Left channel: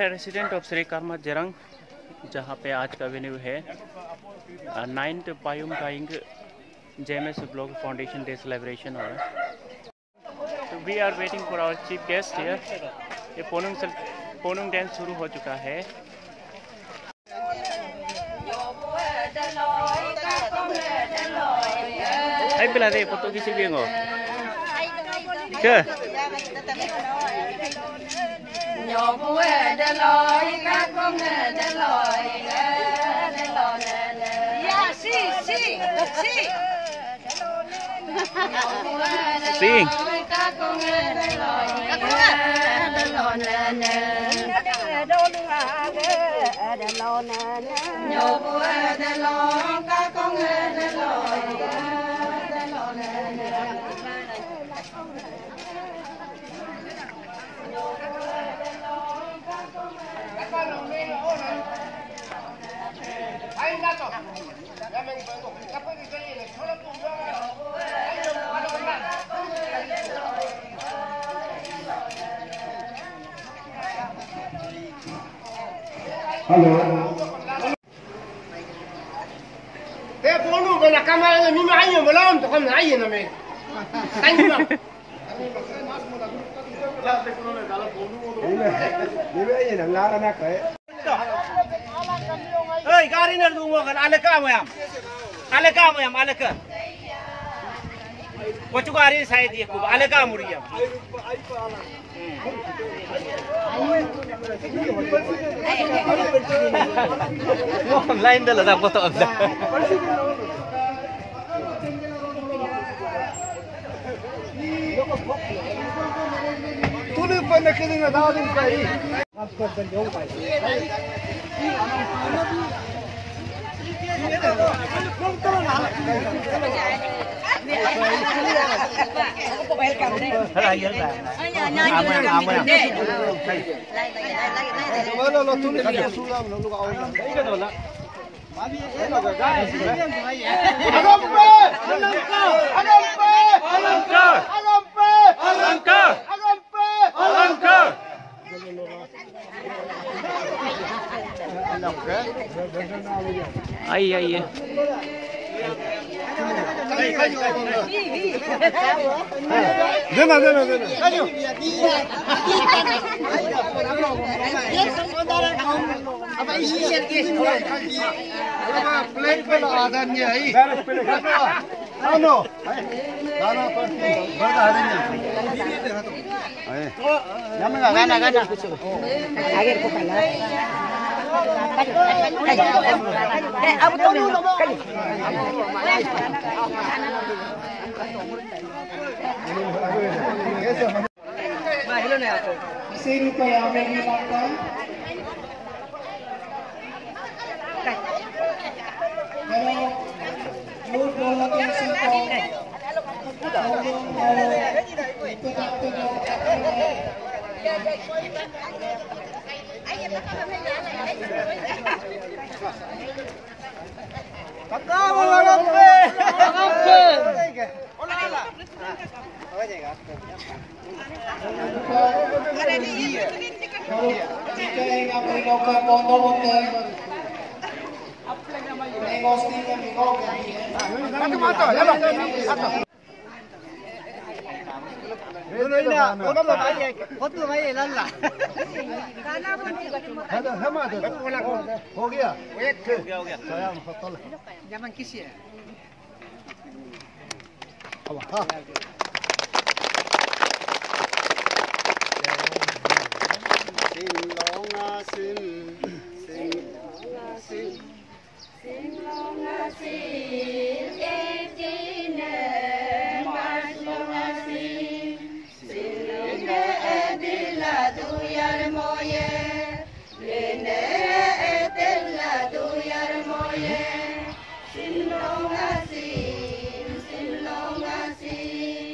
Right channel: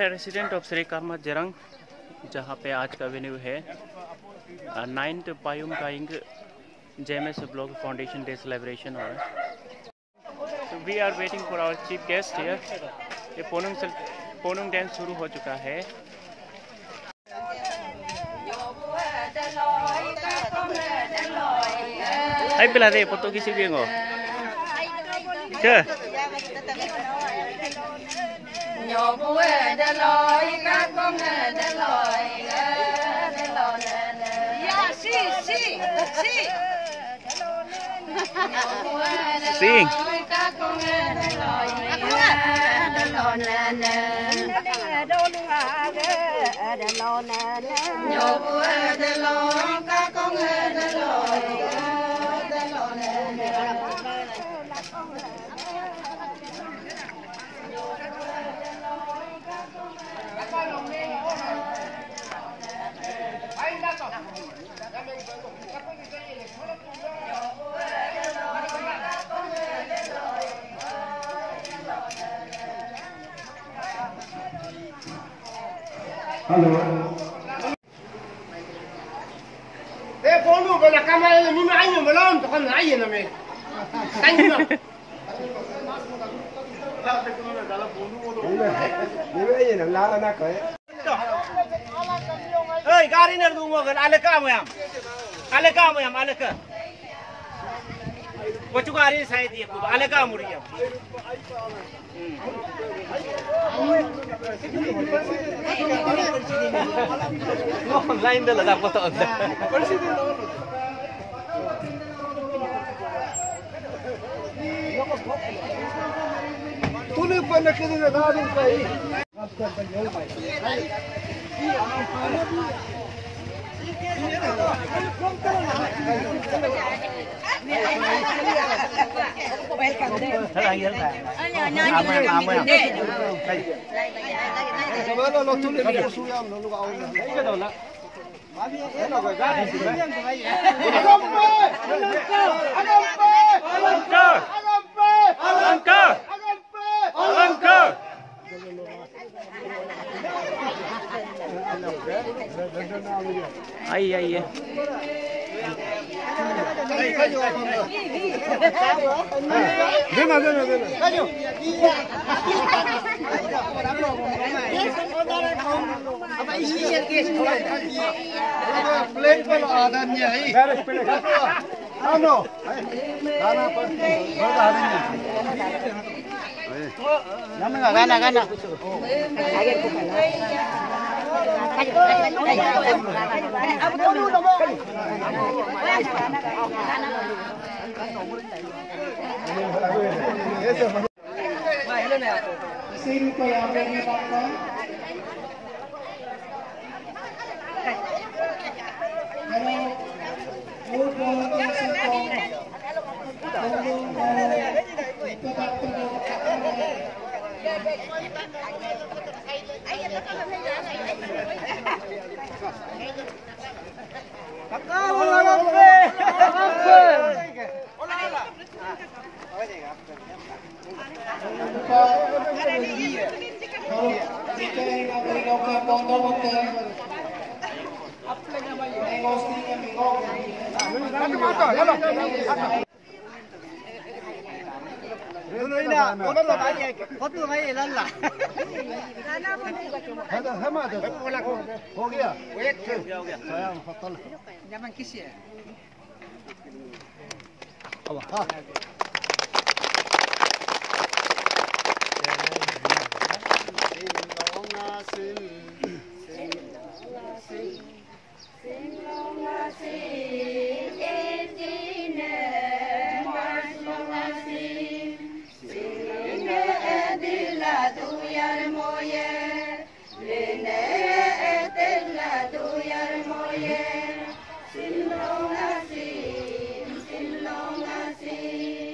है resident of Shri Karma Jarang, जहाँ पे आज का वेन्यू है 9th Payum Kaying JMS block foundation day celebration हो रहा है। तो we are waiting for our chief guest here. ये पोनुंग डांस शुरू हो चुका है। Ay pila deh foto kisi dia ngo. Ke? Sing. Halo. Ponu bana kamera ni maayo belum tu kan maayo na me. Tanya. La te kono na dala ponu mo. Ni maayo na la na kai. Hey, gari na dungo kan alaka mo yam. Alaka. Kochu gari शायद ये को alaka मुड़िया. Lain dah lah foto anda. Tuli pun nak kini dah ada sekali. Welcome deh. Ai. Dena. Kayo. Apa isi plate pala adanya ai. Garage pala kato. Ano? Dana parti. Berda adanya. Gana. Abu tolu lo mo. Sini ko yang ready na. हो गया जमान किसी है Sin long asim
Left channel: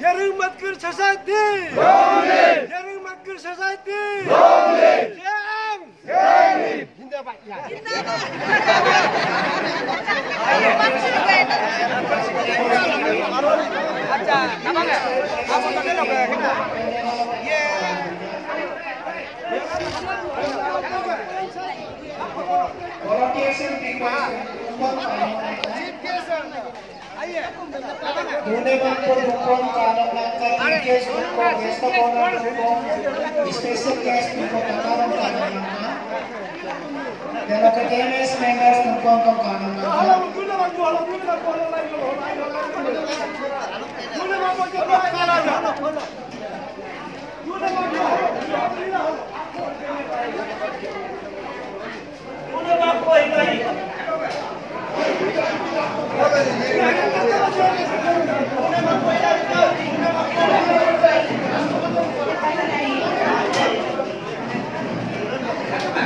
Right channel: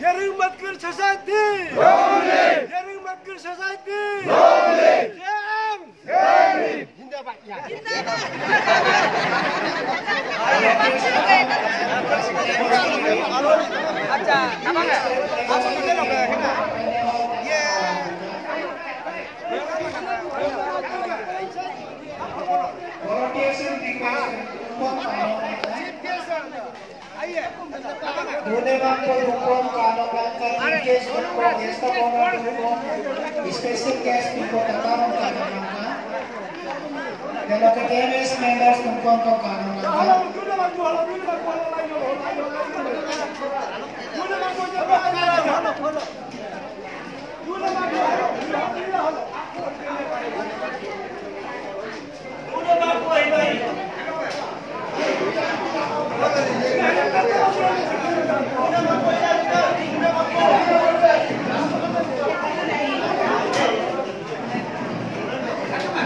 Yaring Matkir Society! Yaring Matkir Society! Yang! Special guest untuk kawan kanan langkah dan academic members tungkong kanan langkah.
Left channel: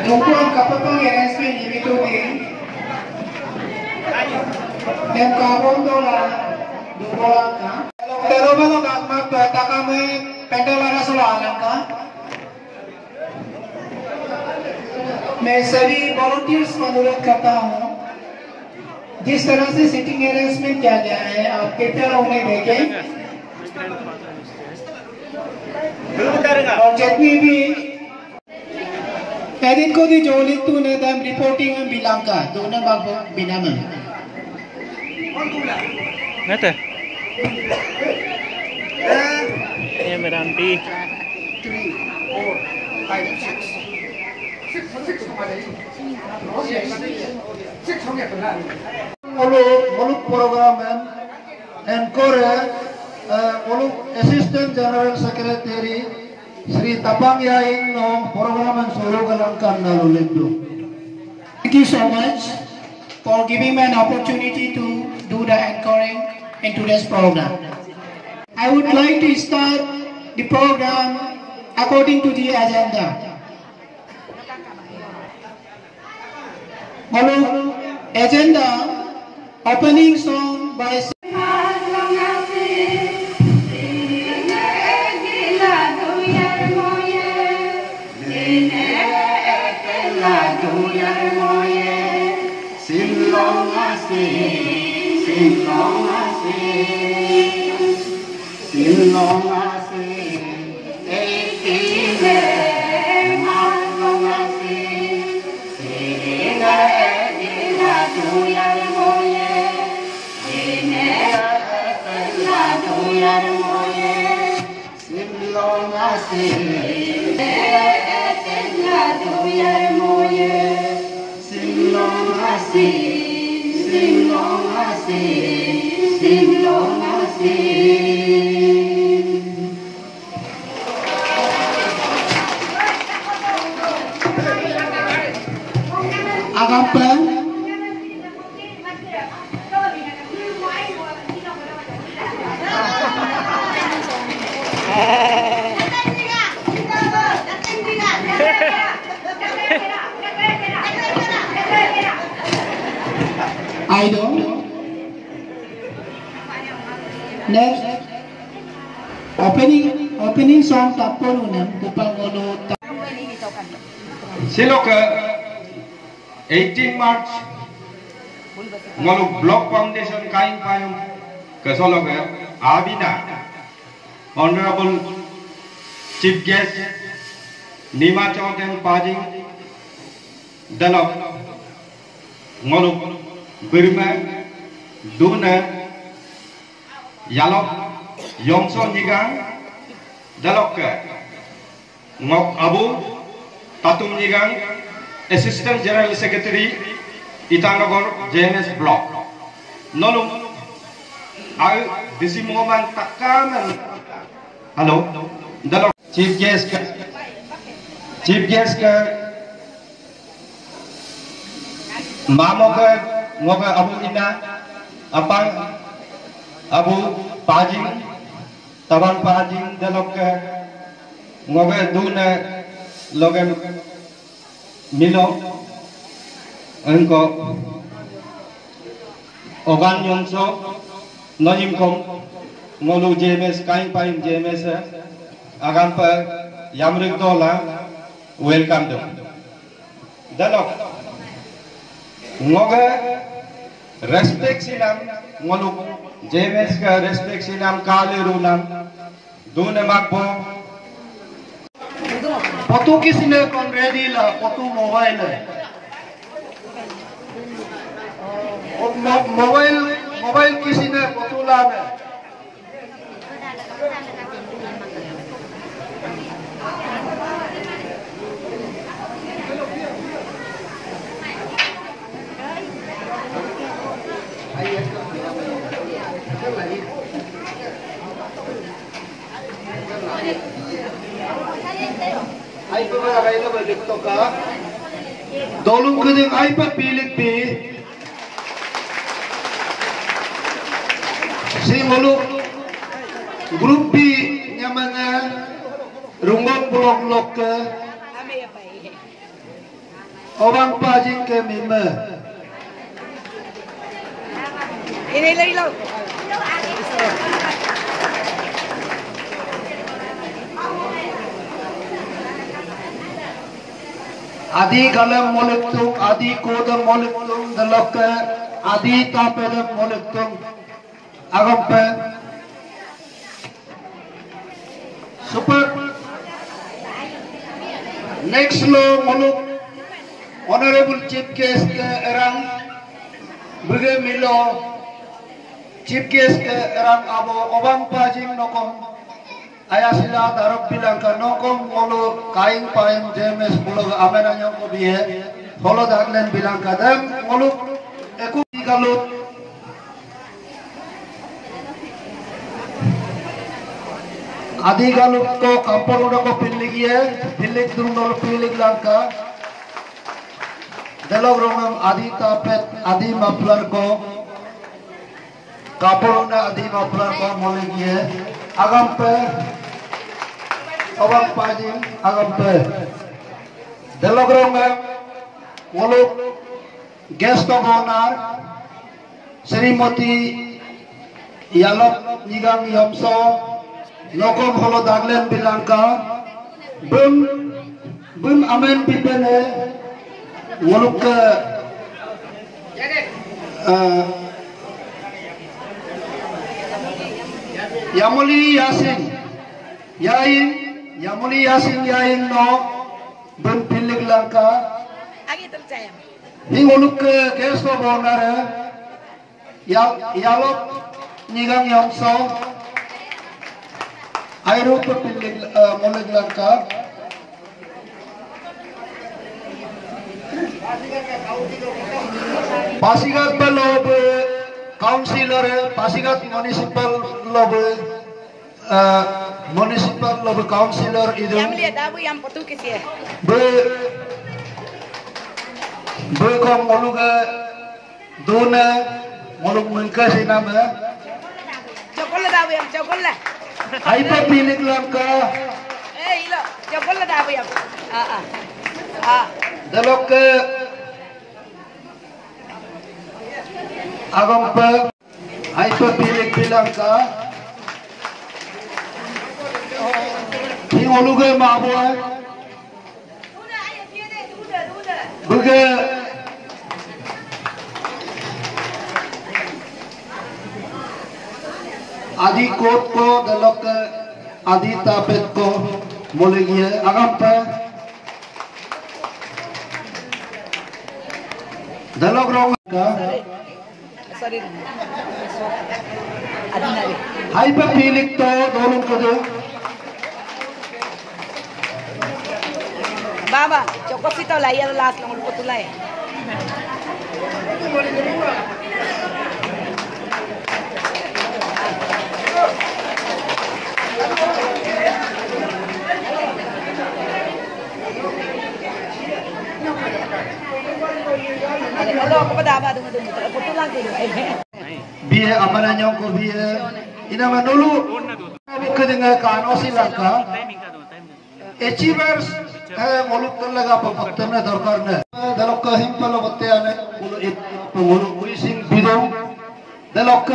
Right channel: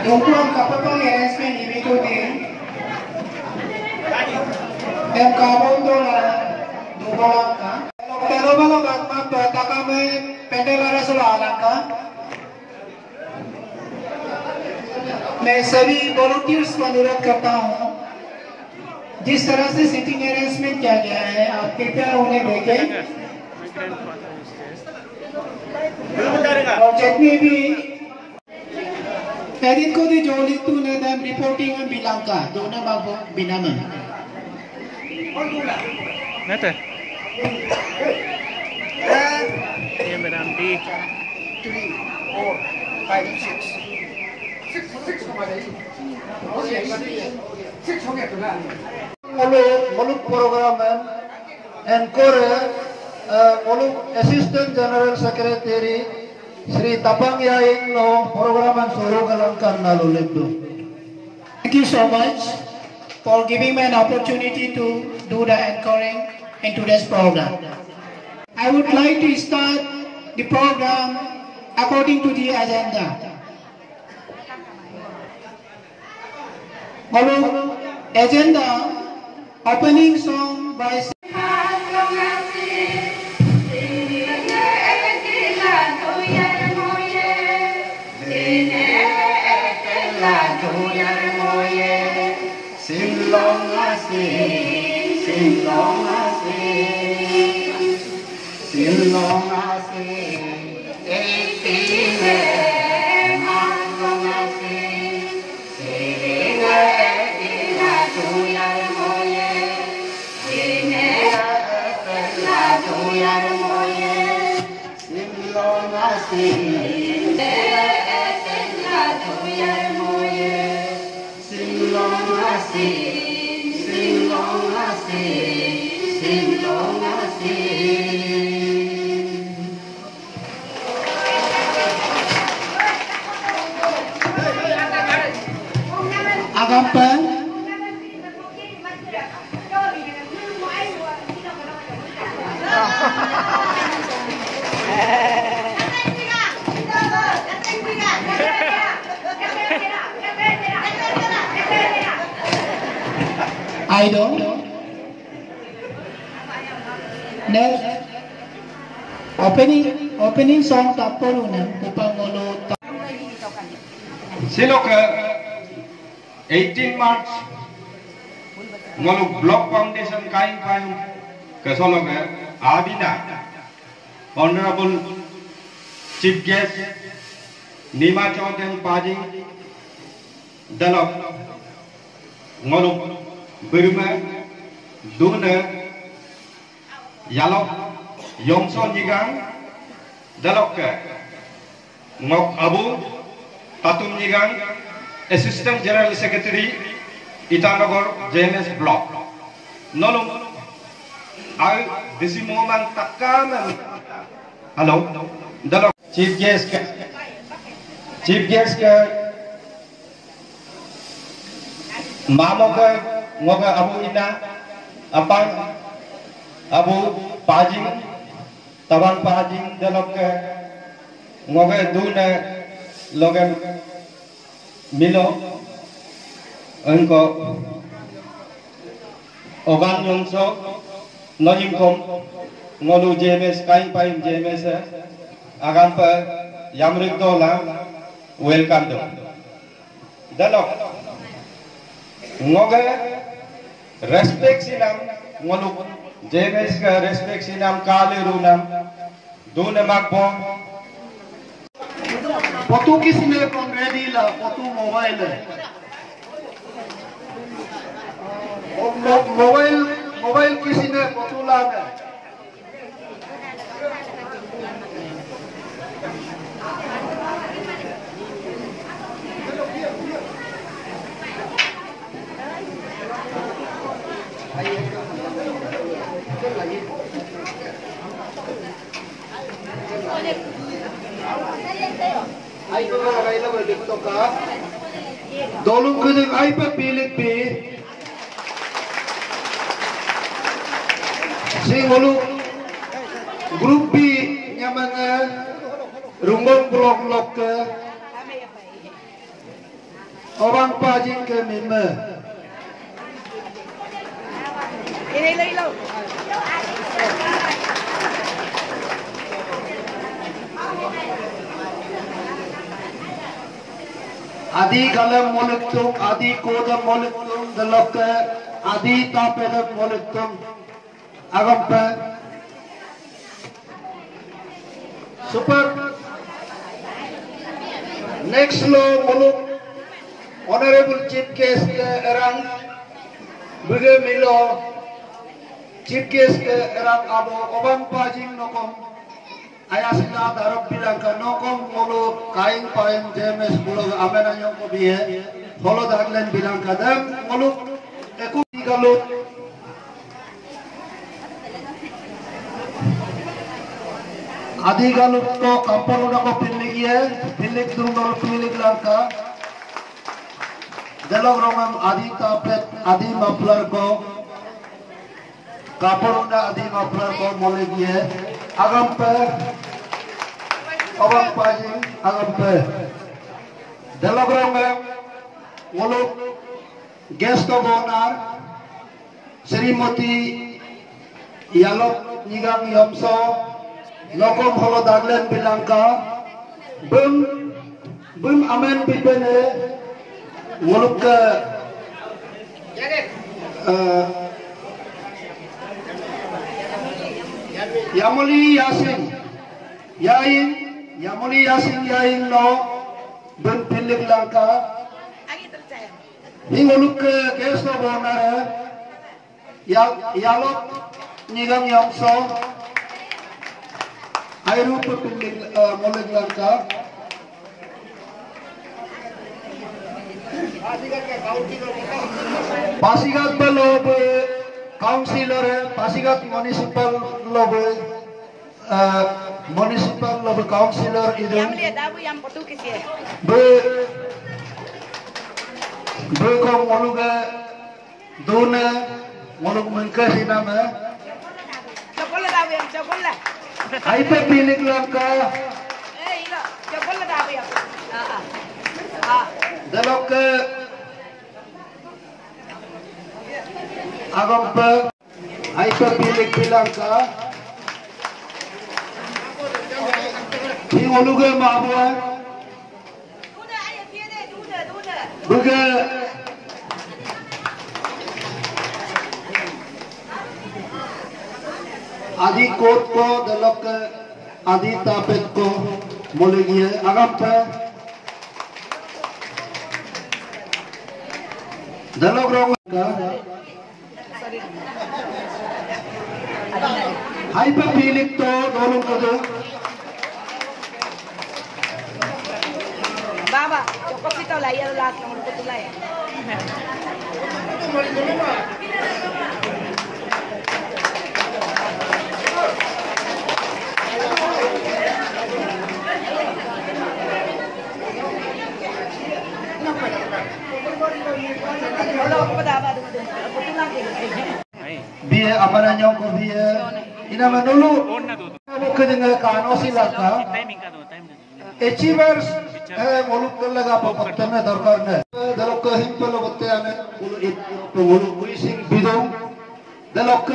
Tungkuang kapatang arrangement dito din. Dan kamu dola dulang ka. Pero mga magmag peta kami pendelara sulalang ka. मैं सभी वॉलंटियर्स को अनुरोध करता हूँ जिस तरह से sitting arrangement किया गया है आप कृपया उन्हें देखें और जितनी भी एडिट को दी जोली तू ने दम रिपोर्टिंग में बिलांग का दोनों बाबू बिना में Nete. ये मेरा एमपी 3, 4, 5, 6. 6 हो गया तो ना मुल्क प्रोग्राम एंकर मुल्क assistant general secretary Shri Tapang Yaing no program suruh galangkan lalu lebro. Thank you so much for giving me an opportunity to do the anchoring in today's program. I would like to start the program according to the agenda. Hello, agenda opening song by Agampa Idol. Next, opening song Taporunan Kupangolo. Silok 18 March Ngoluk Block Foundation Kaing Payung Kesolok Abina Honorable Chief Guest, Nima Chowden Pajing, Dalok, Ngoluk, Burma, Duna, Yalok, Yongso Nigang, Dalok, Ngok Abu, Tatum Nigang, Assistant General Secretary, Itanagor, JMS Block. Nolum, I, this moment, Takam and hello, Dalok, Chief Guest, Mamoga, Moga Abu Ina, Apang, Abu Pajing, Tabang Pajing, Dalok, Moga Duna, Logan Milo, Unko, Ogan Yonso, Noyinkom, Ngolu JMS, Kain Pain JMS, Agampa, Yamrik Dola, welcome them. Dalok, Ngoga, respect Sinam, Ngolu, JMS, respect Sinam, Kali Runam, Dune Makbo, Potu kisine kon ready la, potu mobile. Mobile kisine potu la me. Dolung kuning aipa pilit pi sing holu grup B namanya Runggong Blok Blok ke orang pajin ke mime ini lo Adi galam molektum, adi kodam molektum, dalok adi tapedam molektum, agampe. Super. Next lo moluk, Honorable Chief Guest erang, buge milo, Chief Guest erang abo obang pajing nokom. Ayasila darab bilang ka nokom mulu kain pain JMS mulu amenanya ko bihe holo darlen bilang ka dam mulu eku galut adi galut ko kampor udah ko pilik dulu pilik langka delog romam adi tapet adi maplar ko kapor udah adi maplar ko mulu bihe agam pe Abang pajing agam pe delogrong wolo guest of honor Srimati Yalok Nigang Yamso Nokom holo daglen bilangka bun amen bidene woluk ke Yamuli Yasin Yain no bun pilik langka Ingoluk ke guest of honor Yalok Nigang Yamso Airu pe pilik molik langka Pasigat pe lob councilor Pasigat municipal lob municipal lob councilor idu be ko moluk dune moluk mulka sinama chocolate aipa pilik langka chocolate dalok agam pe aipa pilik langka Oluge mabwa buge adi कोट को दलक Adita Petko Muligie Agampa Dalogrong Hyperphilic to Dolung Kadu Baba, cukup itu lah ya last nomor betul lah. Biar apa nanya ko biar ina manulu bukan dengan kano silaka achievers muluk laga paktamna darbar na dalok ka himpalo botte ane ulu policing bidong dalok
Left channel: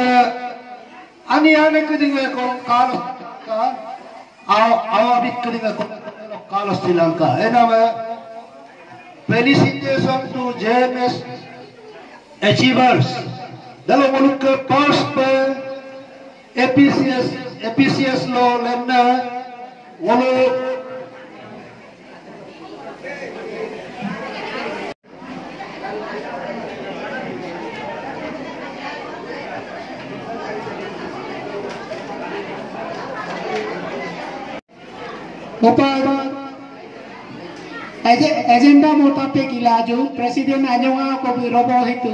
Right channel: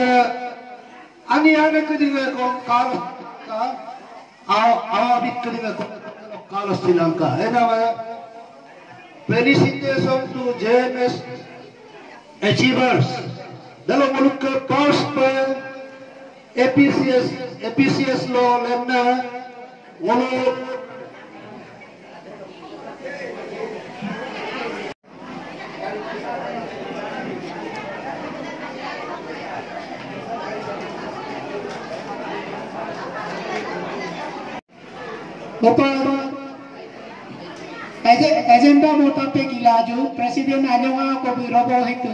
ani ane ko dinga ko kano ka awa bit ko dinga ko kano Sri-Lanka ena ma felicitation to JMS achievers dalam muluk ke pars pa APCS lo lemna walu agenda मोटा पे किलाजू प्रेसिडेंट आजोगा को भी रोबो हितु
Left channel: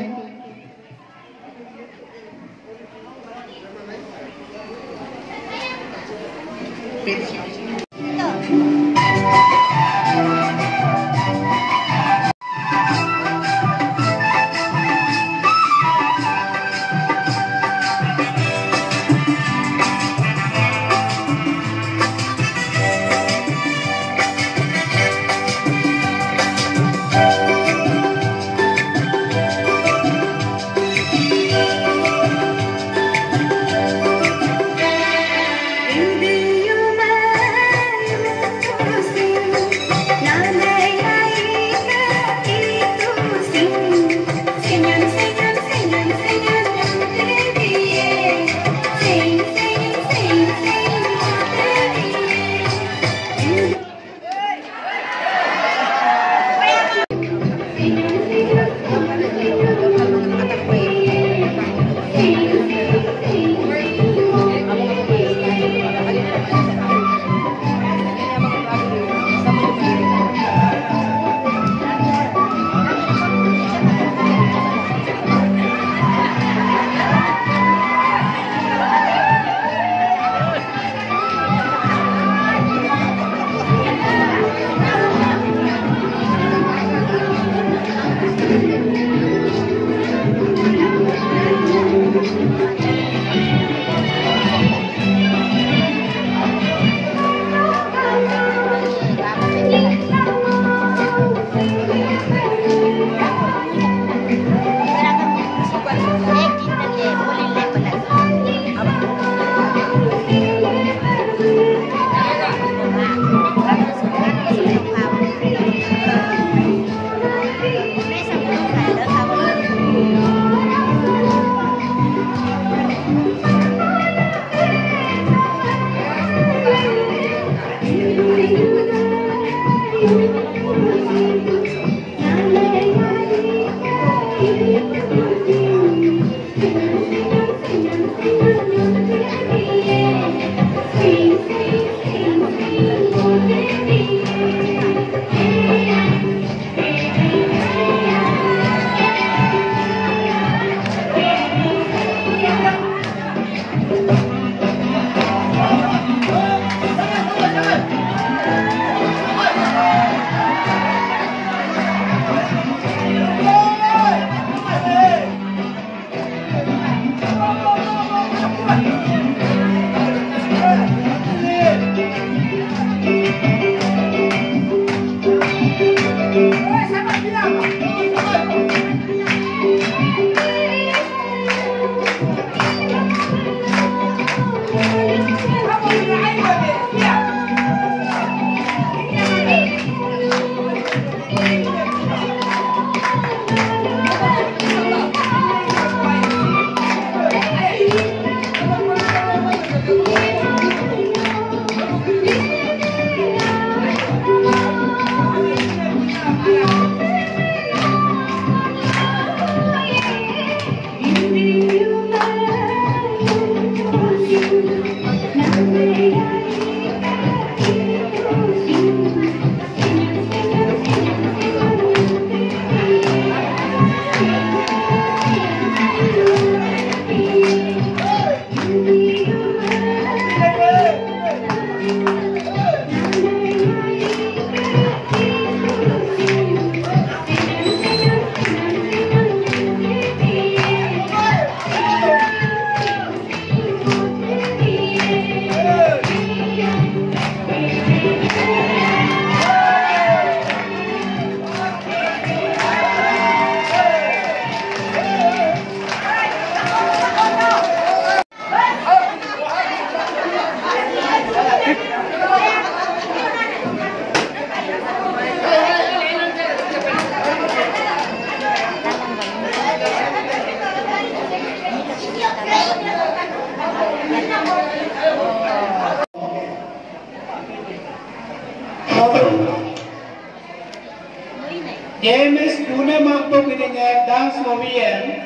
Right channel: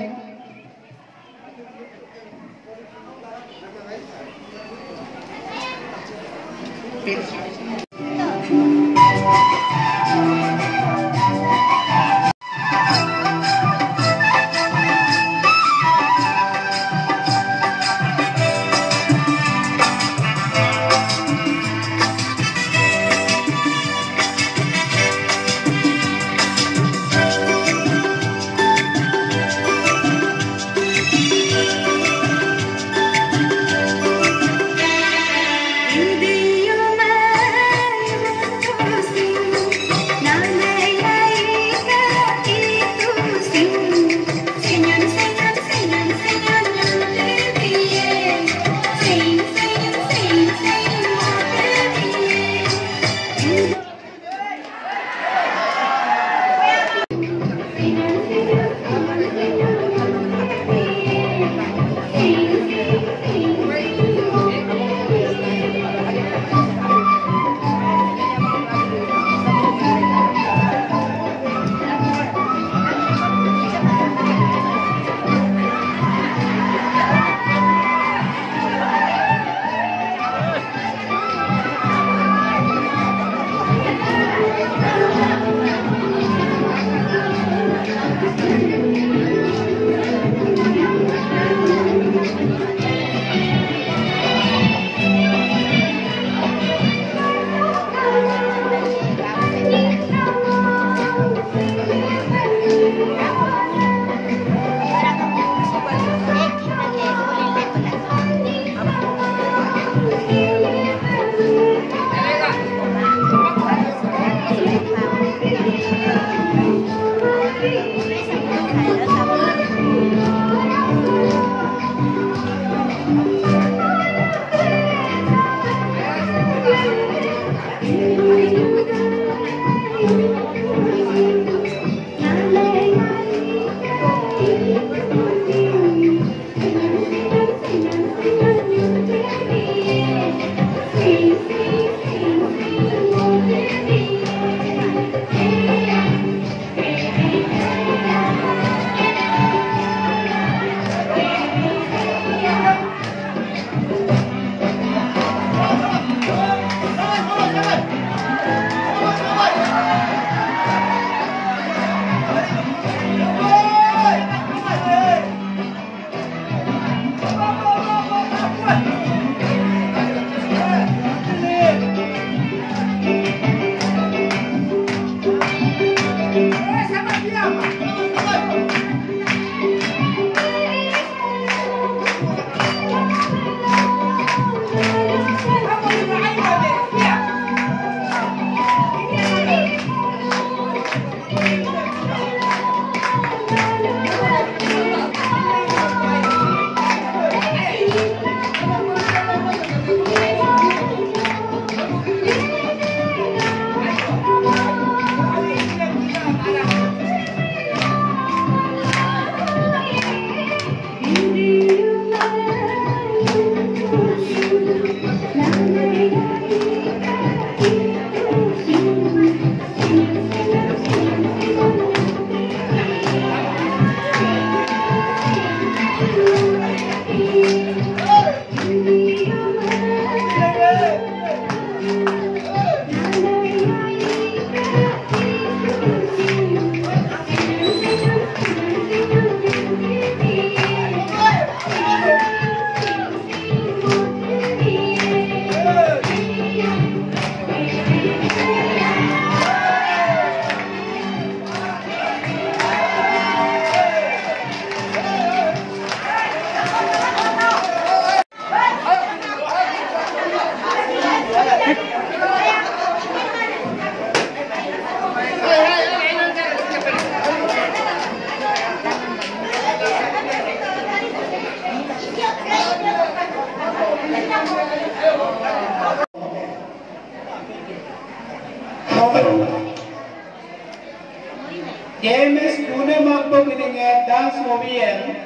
JMS Pune Magpo Kininga Dance Movien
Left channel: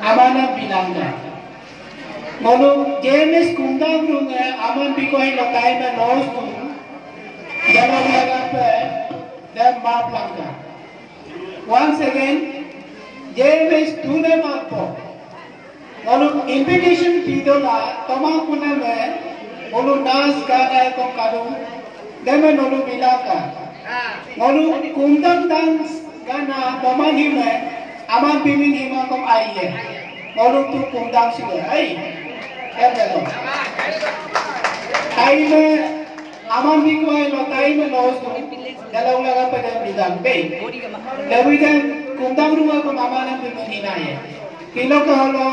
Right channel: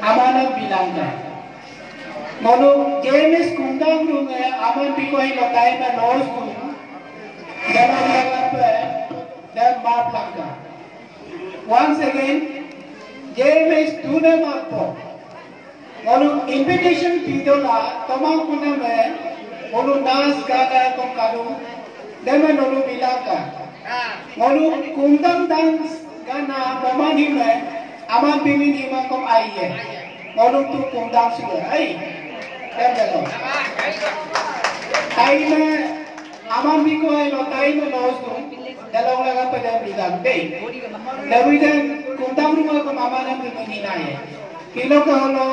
Amanat Binanda. Monu JMS Kundang Runga Aman Bikoi Lokai na Nos Tung Dalam Lagape dan Maplanga. Once again, JMS Pune Magpo Monu invitation Pidola Tomang Pune Me Monu Dance Gana Kong Kadu Deme Monu Bilaka Monu Kundang Dance Gana pemani me aman pimin ima kom aiye ngolong tu kundang sila ai hello tai me aman biko ai lo tai me lo su dalam laga pada bidang be lewidan kundang rumah kom aman pimin inaye kilo ko lo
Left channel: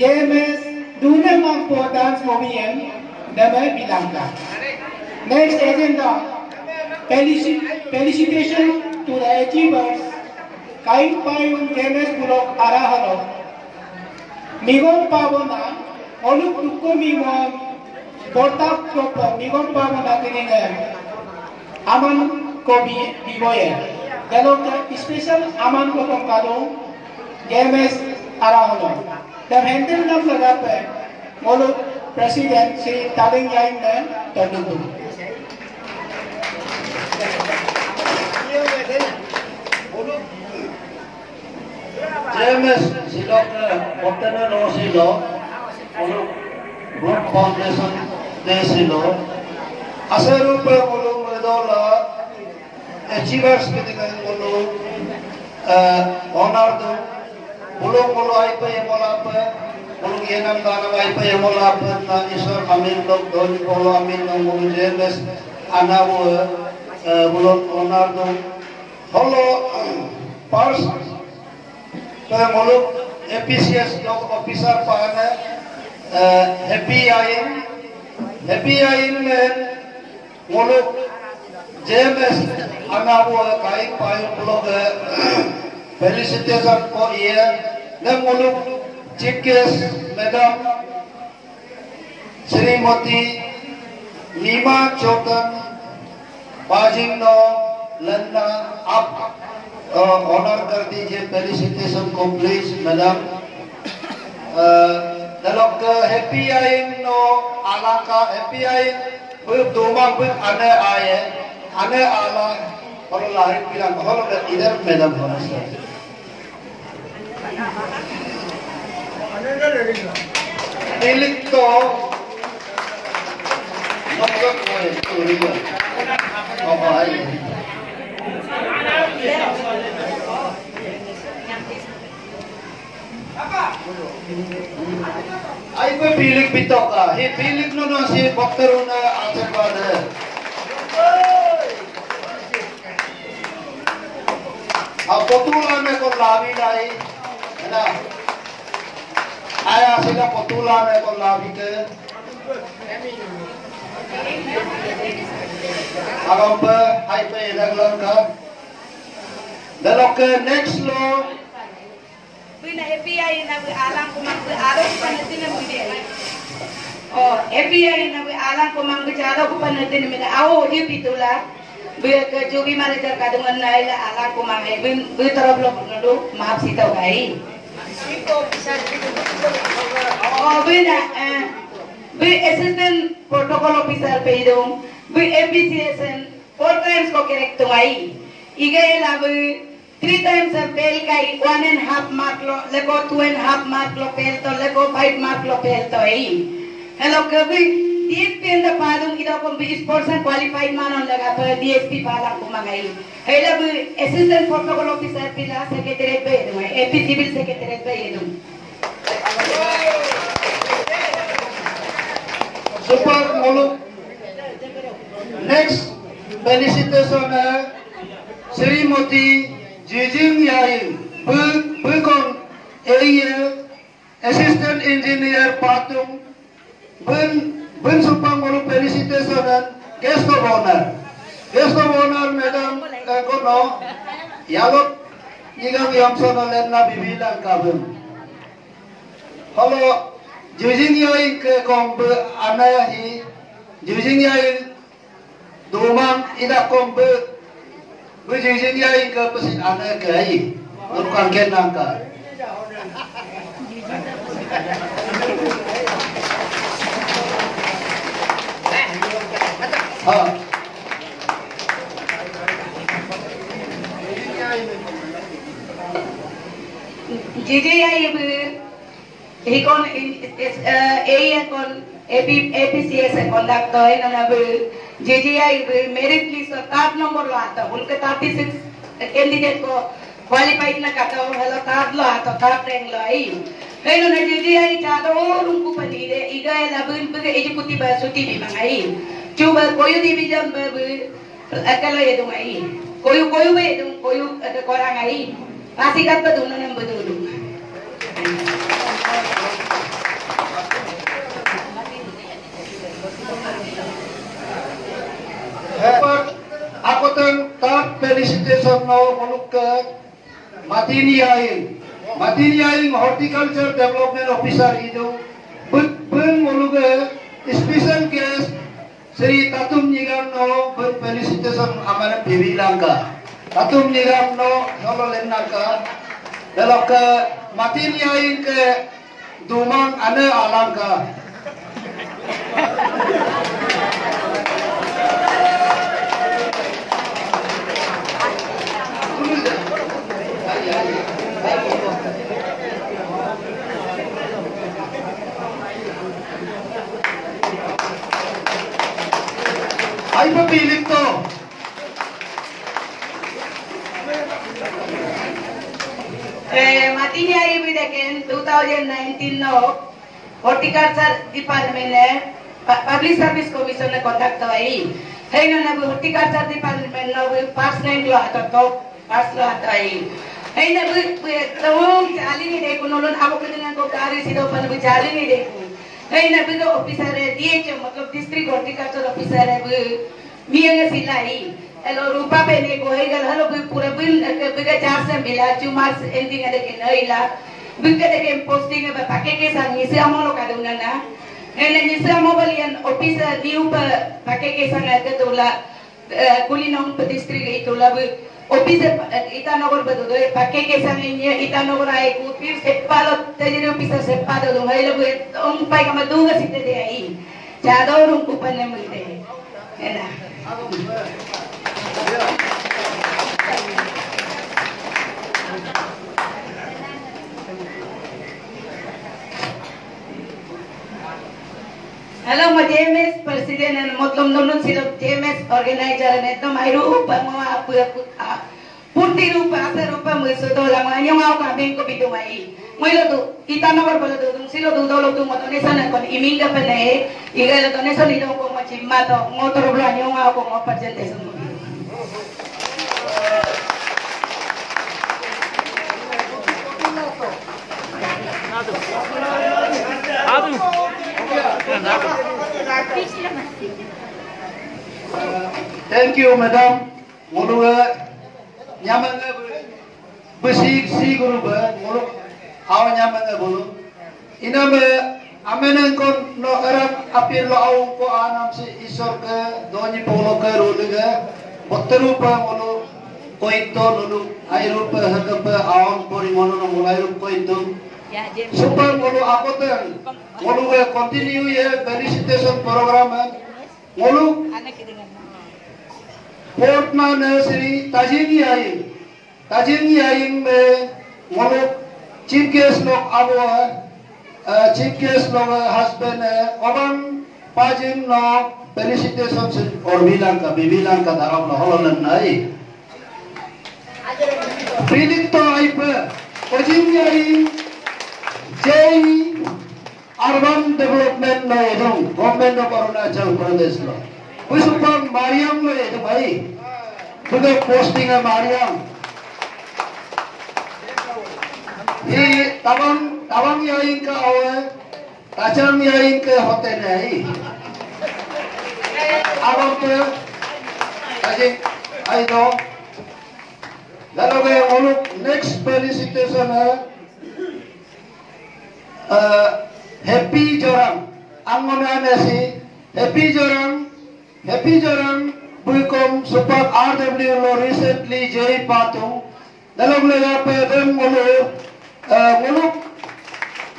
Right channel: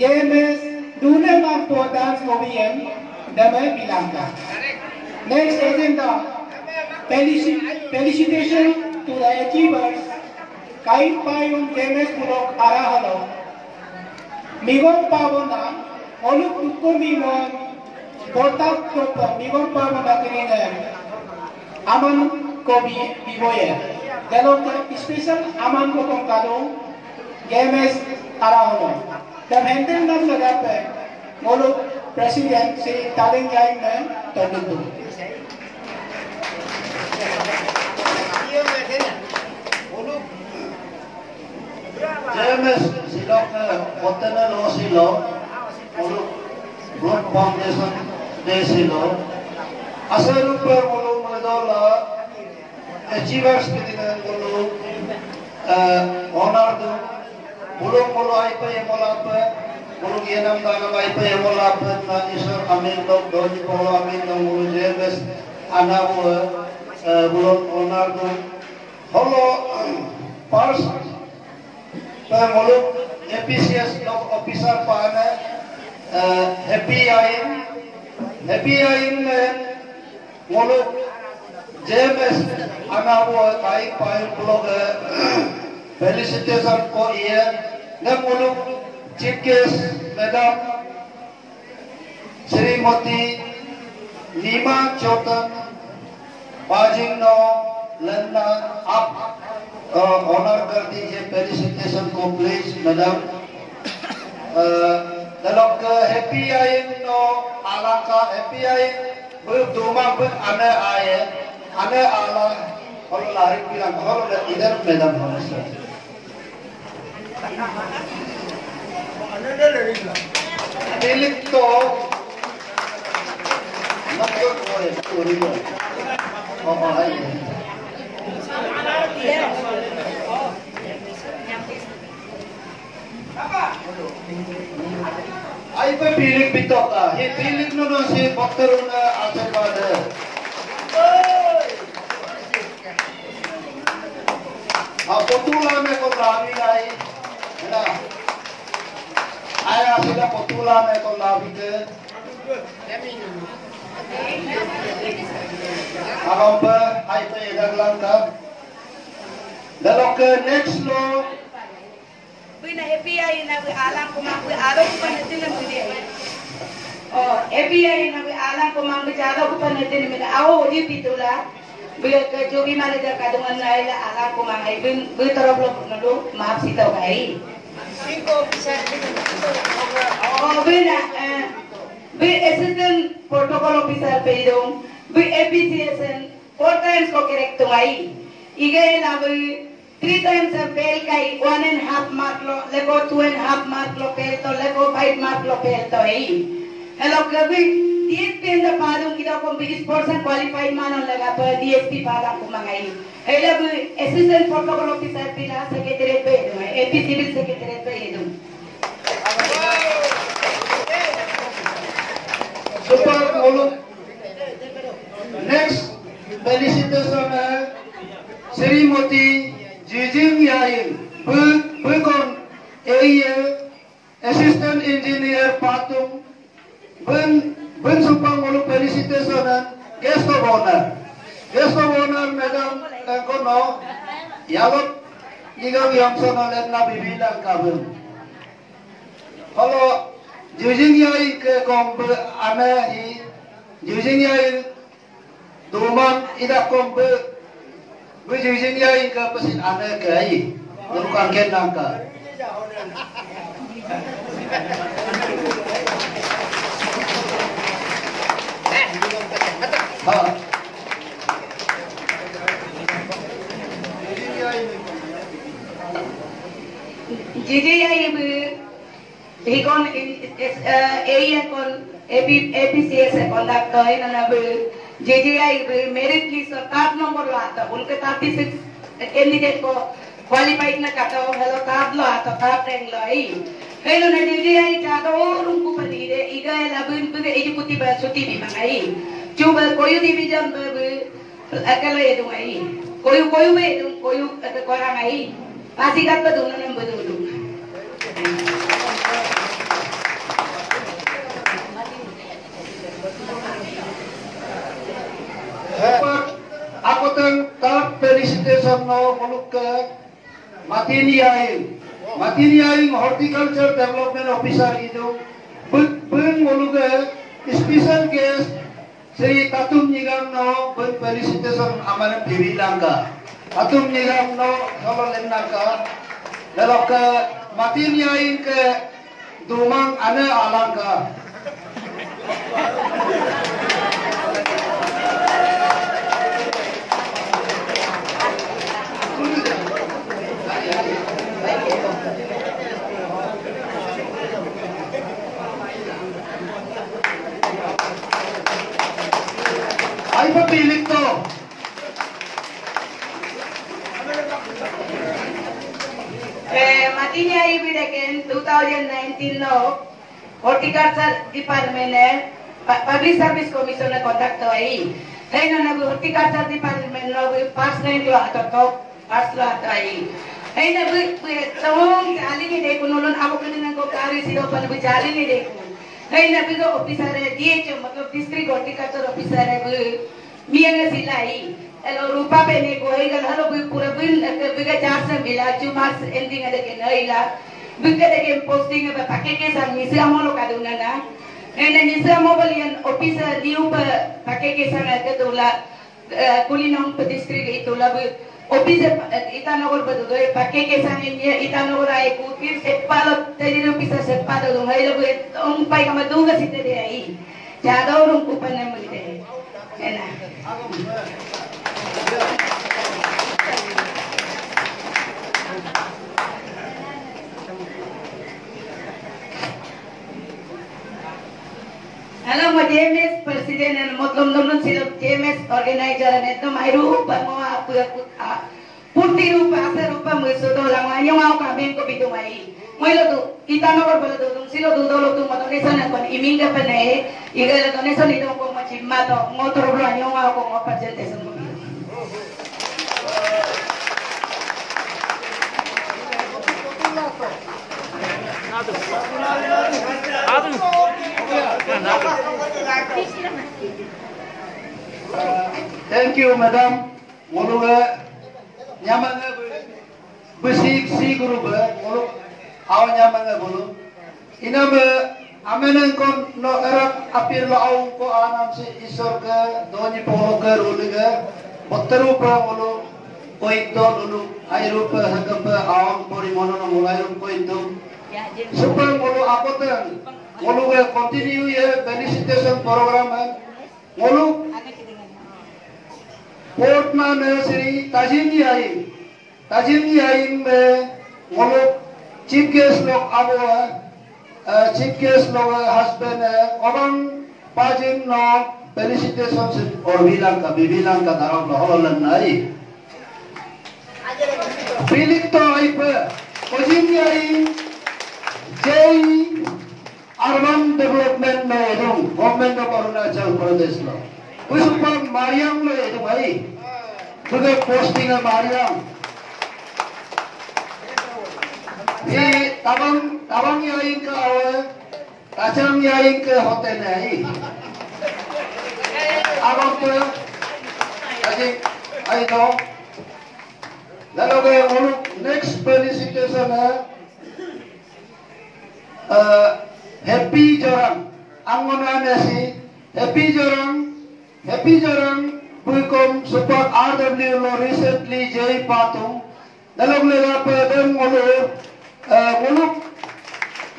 JMS dune mampu dance movien damai bilangka next agenda felicitation to the achievers, Kain Payung JMS Purok Arahalo, Migon Pavona, Oluk Tuku Migon, Portak Kopa, Migon Pavona Tinga, Aman Kobi Biboye, Delok special Aman Kopong Kado, JMS Arahalo. The Hendel Nam Lagape, Oluk President si Taling Yain Me, Todudu. JMS silok hotel lo silok, uluk Group Foundation de silok. Aseru pe uluk medola achievers ketika uluk honor tu uluk ai pe yang molapa uluk yenam dana ai pe yang molapa na isor amin dok doni polo amin na uluk JMS anamu uluk honor tu holo first muluk APCS block officer paana happy ain में muluk JMS anabu kai pai blog felicitation ko ye ne muluk chief guest madam Srimati Nima Chotan Bajingno Landa up honor कर दीजिए फेलिसिटेशन को please madam dalok happy ain no alaka happy ain bu doma bu ane ala kalau lahir bilang kalau tidak madam harus milik to nomor ko apa ai ai pe feeling bitoka he feeling no si bakteruna achapada potula me ko lavi nai na aya sila potula me ko lavi ke agamba ai pe daglang ka dalok next lo Pina API na we alang ko mang araw ko panatin ng video. Oh, API na we alang ko mang araw ko panatin ng ako di pitula. Biar ke jogi manager kadungan na ila alang ko mang bin teroblo nado maaf sitaw kay. Oh, bina be assistant protocol officer pe idong, be APCSN 4 times ko correct to ai. Igay la be 3 times a fail kai 1.5 mark lo, lego 2.5 mark lo fail to, lego 5 mark lo fail to ai. Hello kabi DSP in the padung kita ko 20% qualified manon laga to DSP pala ko mangai. Ela be assistant protocol officer pila secretary pe idong, AP civil secretary pe idong. Super Muluk. Next felicitation Srimati Jijing Yain Bukon AEL Assistant Engineer Patung Bun Super Muluk felicitation Guest of Honor Madam Kono Yalok Jika Yamsona Lenna Bibilang Kabun. Hello Jijing Yain ke kombe ana hi Jijing Yain Dumang ida kombe Jijing Yain ke pesin ana ke hi Bukan kenang ka JJI he kon AEN kon APCS conduct toy na JJI merit list 7 number lo आता उनके 36 candidate को qualified ना करता हो हेलो 7 lo आता 7 rank lo आई हेलो ने JJI चाहता और उनको बनी दे इधर लबु इनको executive सुती भी मंगाई क्यों कोई division अकेला ये दूँगाई कोई भी कोई कोरांगाई आसिकात पर दोनों ने बदलू Aku tentang felicitation no muluk ke Matini Yain horticulture development officer itu bung muluk ke special guest Sri Tatum Nigam no bung felicitation amana bibilang ka Tatum Nigam no solo lenna ka lalu ke Matini Yain ke Dumang ana alang ka Ay papiling to. Matini Yain bidaken 2019 no horticulture department ne public service commission ne conduct ai. Henga na horticulture department no first rank lo ato top first lo atai. Henga tamam jali ni dekho nolon abo kadang ko kari sida pan jali ni dekho. Henga bigo officer hai DH मतलब district horticulture officer hai Meiyang सिलाई हेलो रूपा पे ने को है गल हलो पूरा बिन बिगा 4 से मिला 2 मार्क्स एंडिंग अदे के नइला बिगा दे के पोस्टिंग में पाके के संग निसे अमलो का दुना ना ने निसे मोबाइल ऑफिसर न्यू पाके के संग अदे तोला कुलीनों पे डिस्ट्रिक्ट इतोला ऑफिसर इटानगर बदो पाके के संग ये इटानगर आए को फिर सेटपालो तेरी ऑफिसर सेटपालो दो है लोग उन पाई का मैं दूंगा सीधे दे आई ज्यादा और उनको पन्ने मिलते हैं है ना Hello, JMS President and मतलब नॉन सिर्फ JMS organizer ने तो मायरू बंगवा पूर्ति रूप आसे रूप में सुधो लंगान्यों आओ काबिन को भी तुम्हारी मैं तो इतना नंबर बोले तो तुम सिलो दूधो लो तुम मतलब निशन अपन इमिंग का पने इधर लो निशन इधर को मची मातो मोटर ब्लान्यों आओ को presentation Thank you, madam. Mulu nyaman besi si guru mulu awan nyaman bulu. Ina amenan kon no arab apir lo awan ko anam si isor ke doni polo ke rulu ke botteru pa mulu koito lulu airu pa haka pa awan pori mono no mulairu koito. Super mulu apotan ngoluk continue ye felicitation program ngoluk Portna Nursery Tajin Yaing में ngoluk chief guest लोग abo chief guest लोग husband orang pajin no felicitation और bilang ka darab no holan nai bilik to aipa Tajin Yaing Jai Urban Development में edung government of Arunachal Pradesh lo Pusupang Mariam lo edung bhai juga posting है Mariam ये तवंग याइन का होए कचरम याइन के होते नहीं अब तो अजी आई तो ललोगे उन नेक्स्ट फेलिसिटेशन है हैप्पी जोरम अंगना नेसी हैप्पी जोरम बुकम सुपर आरडब्ल्यू लो रिसेंटली जेई पातुं ललोग लेगा पे देम बोलो ngoluk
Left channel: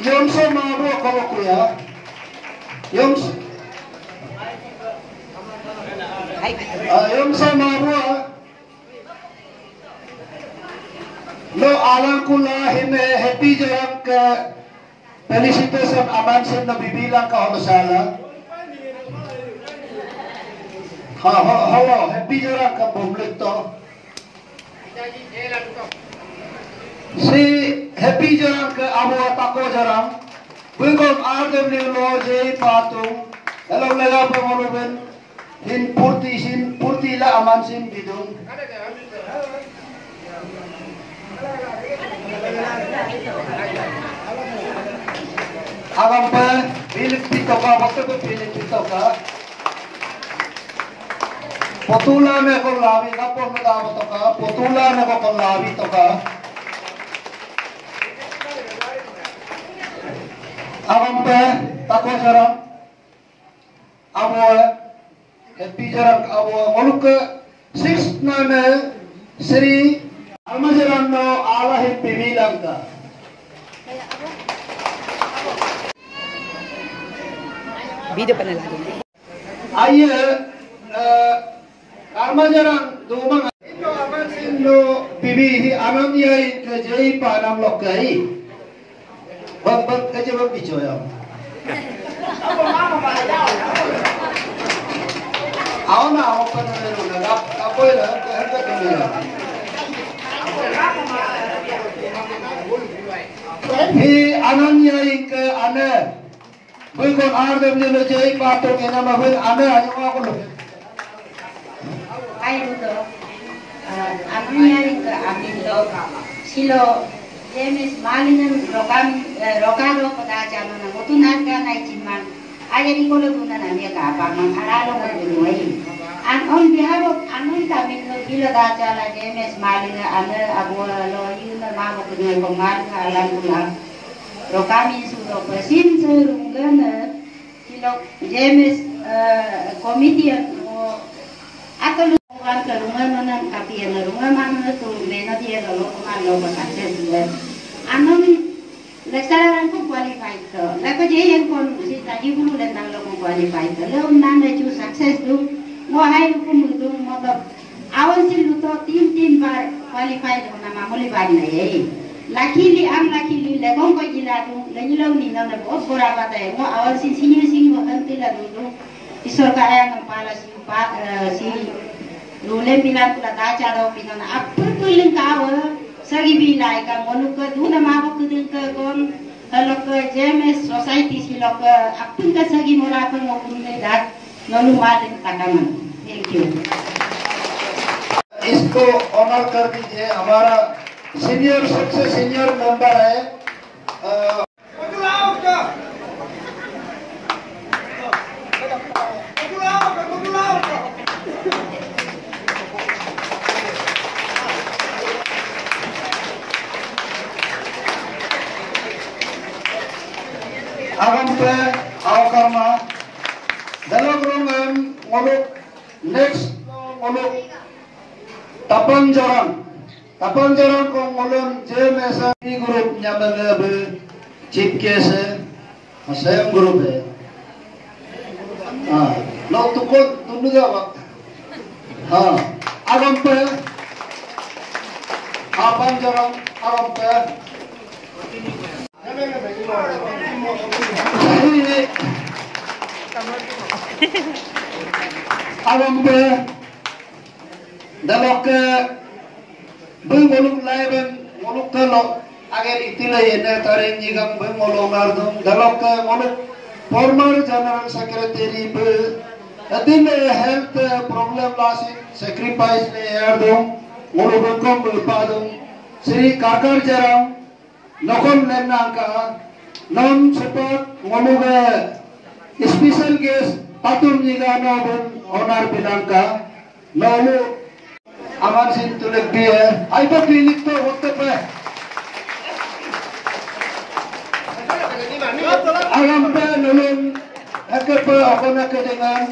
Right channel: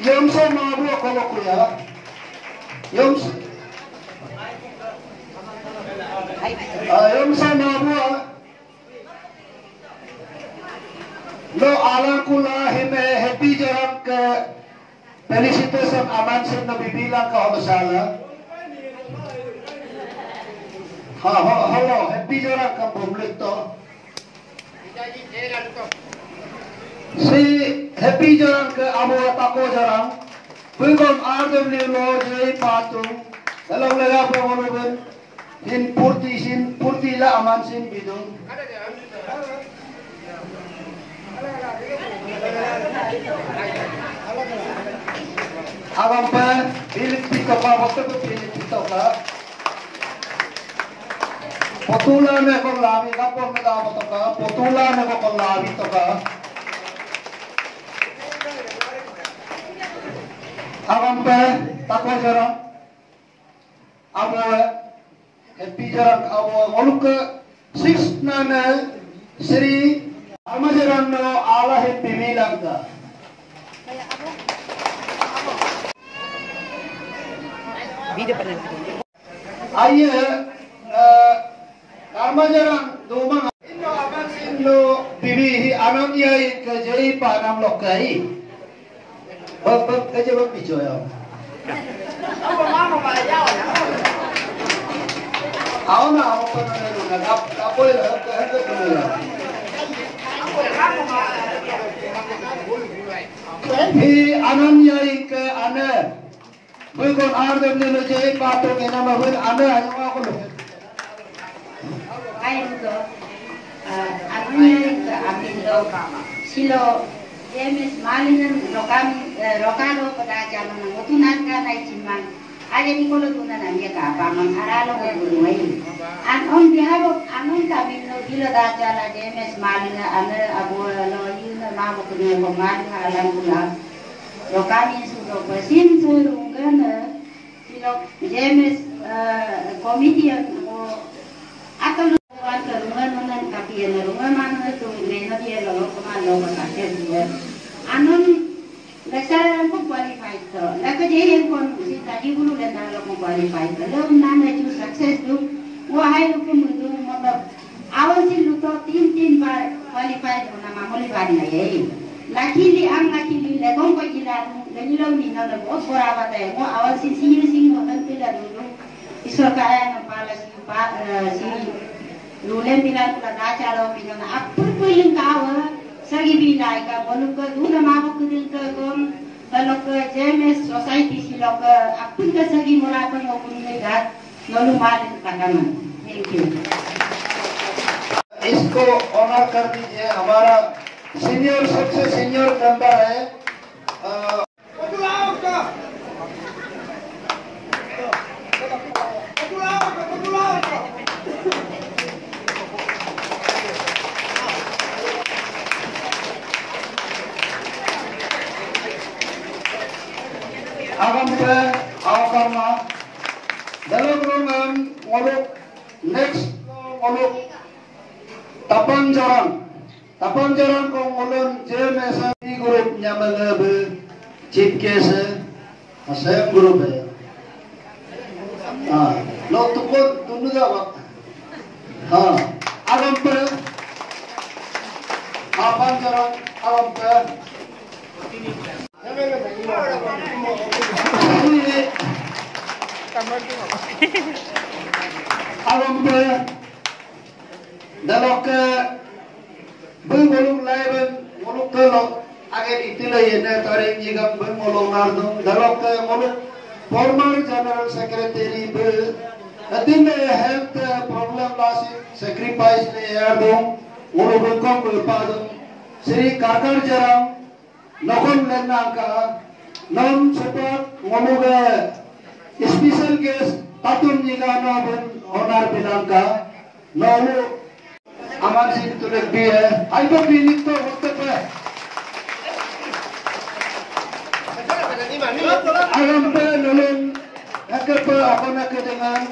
yomso mabu kolok ya yomso mabu lo ala kula hime happy jarak ke felicitation aman se nabi bilang ka hodasala hello happy jarak ka public to si happy jarang ke abo tako jarang bugom ardem ni lo je patu kalau lega pengorban hin purti la aman sin bidung agam pe bilik pitoka waktu pe bilik pitoka potula me ko labi kapor me da toka potula me ko labi toka Abang teh takwa jarang, abo happy jarang, abo ngoluk ke 6 nane Sri Almajaran no Allah happy bilang ta. Video panel lagi. Aye, Almajaran domang Indo bibi anam yai ke jai panam lokai. Bak kerja bak bicara ya. Awak nak awak pernah nak apa ya? Apa tu? He ananya ke ane, bukan ada benda jadi patut kena mahal ane aja aku loh. Ayo tu, ananya ke amin tu silo. James Malinan Rokado pada zaman mutunan kan naikman. Ada di kolom tunan ambil kapal mengharalo berumai. On behalf of Anon kami kila dajala James Malinan ane abu loyu nama punya pengan kalian pula. Rokami sudah bersin surungan kilo James komedian akan luar ke rumah nonan kapian rumah mana tu neno dia lalu kemana masih dua. Anon lecturer को qualified तो लगा जेएन कौन उसी ताजी गुलू लेना लोगों qualified तो लोग नाम है जो success लोग वो हाई लोग मुद्दों मतलब आवाज़ से लोग तो 3 बार qualified होना मामूली बात नहीं है लकीली लेगों को जिला दूँ लेकिन लोग निन्नो ने बहुत बुरा बात है वो आवाज़ से सीनियर वक्त पिला दूँ इसर का है ना पाला सी रूले पिला पुला दाचा लो पिला ना अब पर काव सगी भी लाएगा मनुष्य का दूध मावक दिन का कौन लोग जेमेस सोसाइटी सी लोग अपन का सगी मोरा अपन लोगों ने दार नलू मार काटना थैंक यू इसको ऑनर कर दीजिए हमारा सीनियर सबसे सीनियर मेंबर है agam pe awakama dalam program ngolok next ngolok tapang jaran ko ngolon je mesa di grup nyamanga be chief case Masayang group है हाँ लोग तुमको तुमने जाओ हाँ अब हम पे आप जरा अब हम पे अब हम पे दालों के belum lain muluk kalau agar itulah yang tarik jika muluk nardum dalam ke muluk former general secretary be adil health problem lasi sacrifice le yardum muluk kom berpadum Sri Kakar Jarang Nokon Lenangka non support muluk special guest atum jika nobel honor binangka lalu aman sin tulak dia ayo klinik tu waktu pe alam pe nulung agar pe apa nak dengan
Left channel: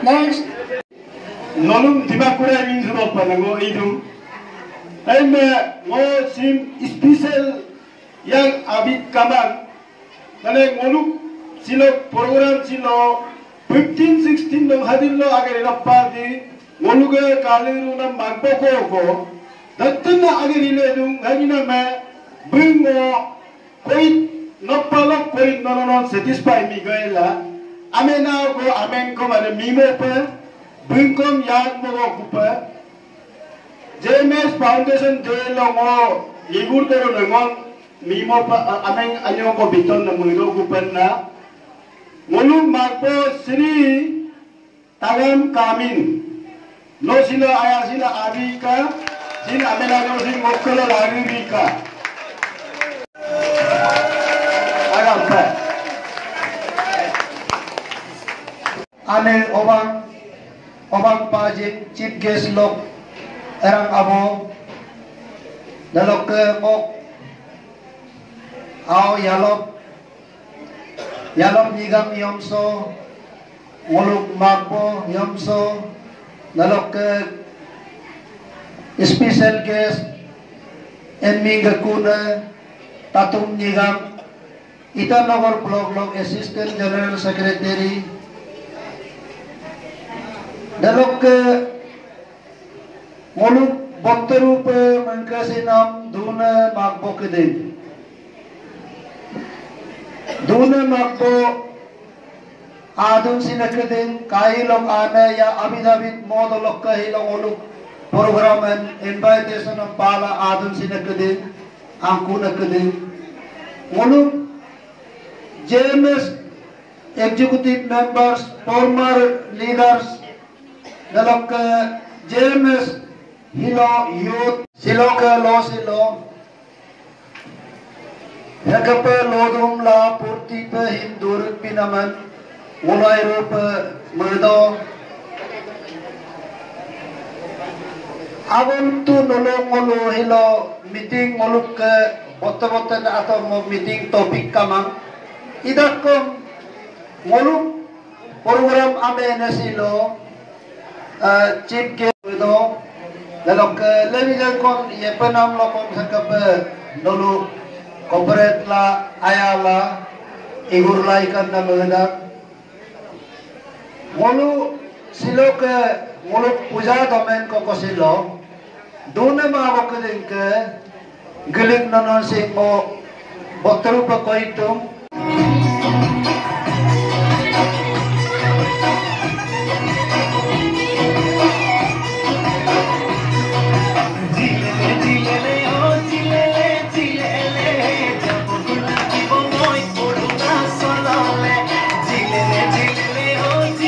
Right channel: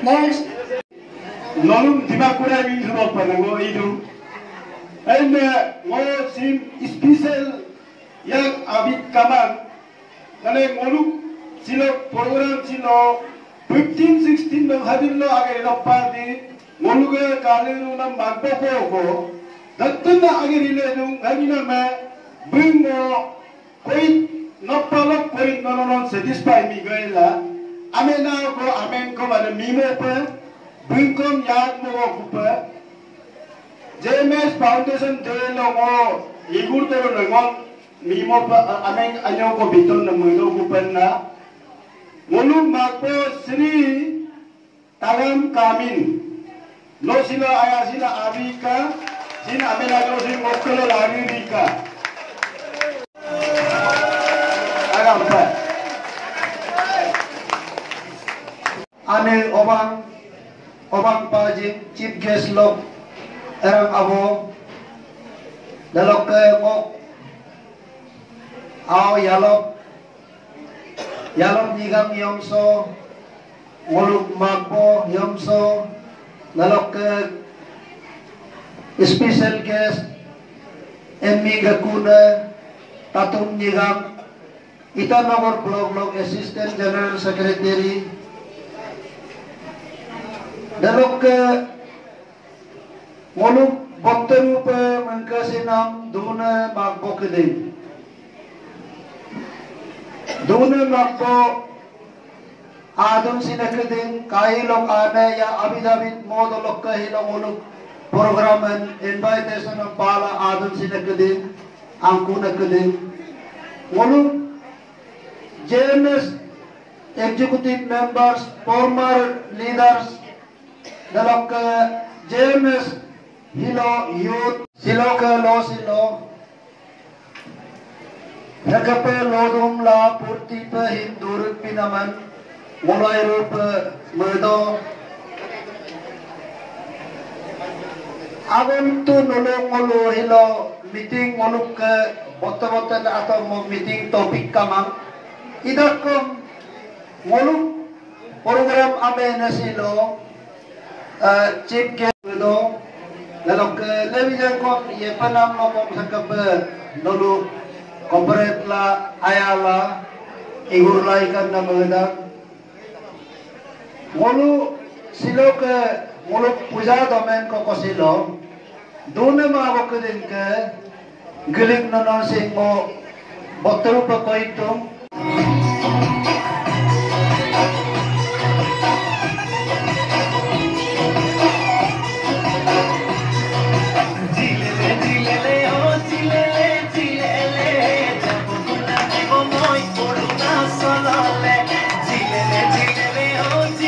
Next, Nolong Dibakura means about Panamo Idum. And more seem special young Abid Kaman. And Moluk Silo program Silo 15-16 no Hadilo Agarina Party, Moluga Kaluna Mampoko, Datuna Agarilum, Hadina, bring more point, not Palok point, no, satisfy Miguela. Amena go amen ko ada mimo pa bingkom yag mo ko pa JMS Foundation de longo igur tero longo mimo pa amen anyo ko biton na mulo ko pa na ngulu magpo Sri Talam Kamin lo sila aya sila abika sin amena ko sin mokolo lagi bika agam pa Anil obang pajit chief guest lok erang abo dalok ke mok aw yalop nigam yomso ngoluk magpo yomso dalok ke special guest emmi gakuna tatum nigam Itanogor blog assistant general secretary Dalok ke moluk botteru pe mengkasi nam duna magbo kede. Duna magbo adum sinakede kai lok ane ya abidabit modolok kahi lok moluk program and invitation of pala adum sinakede angku nakede. Moluk JMS executive members, former leaders Dalok JMS Hilo Youth Silo ke lo silo Hakape lodum la purti pe hindur pinaman mulai rup merdo Agon tu nolong mulu hilo meeting muluk ke bote-bote atau mau meeting topik kamang idak ko muluk program abe na silo chief guest do lalok levijan kon ye panam lokom sakap nolu corporate la ayala igur laikan na mga mulu silo ke mulu puja domain ko silo doon mga bakudin ke giling na sing mo botru pa ko ito Zilele,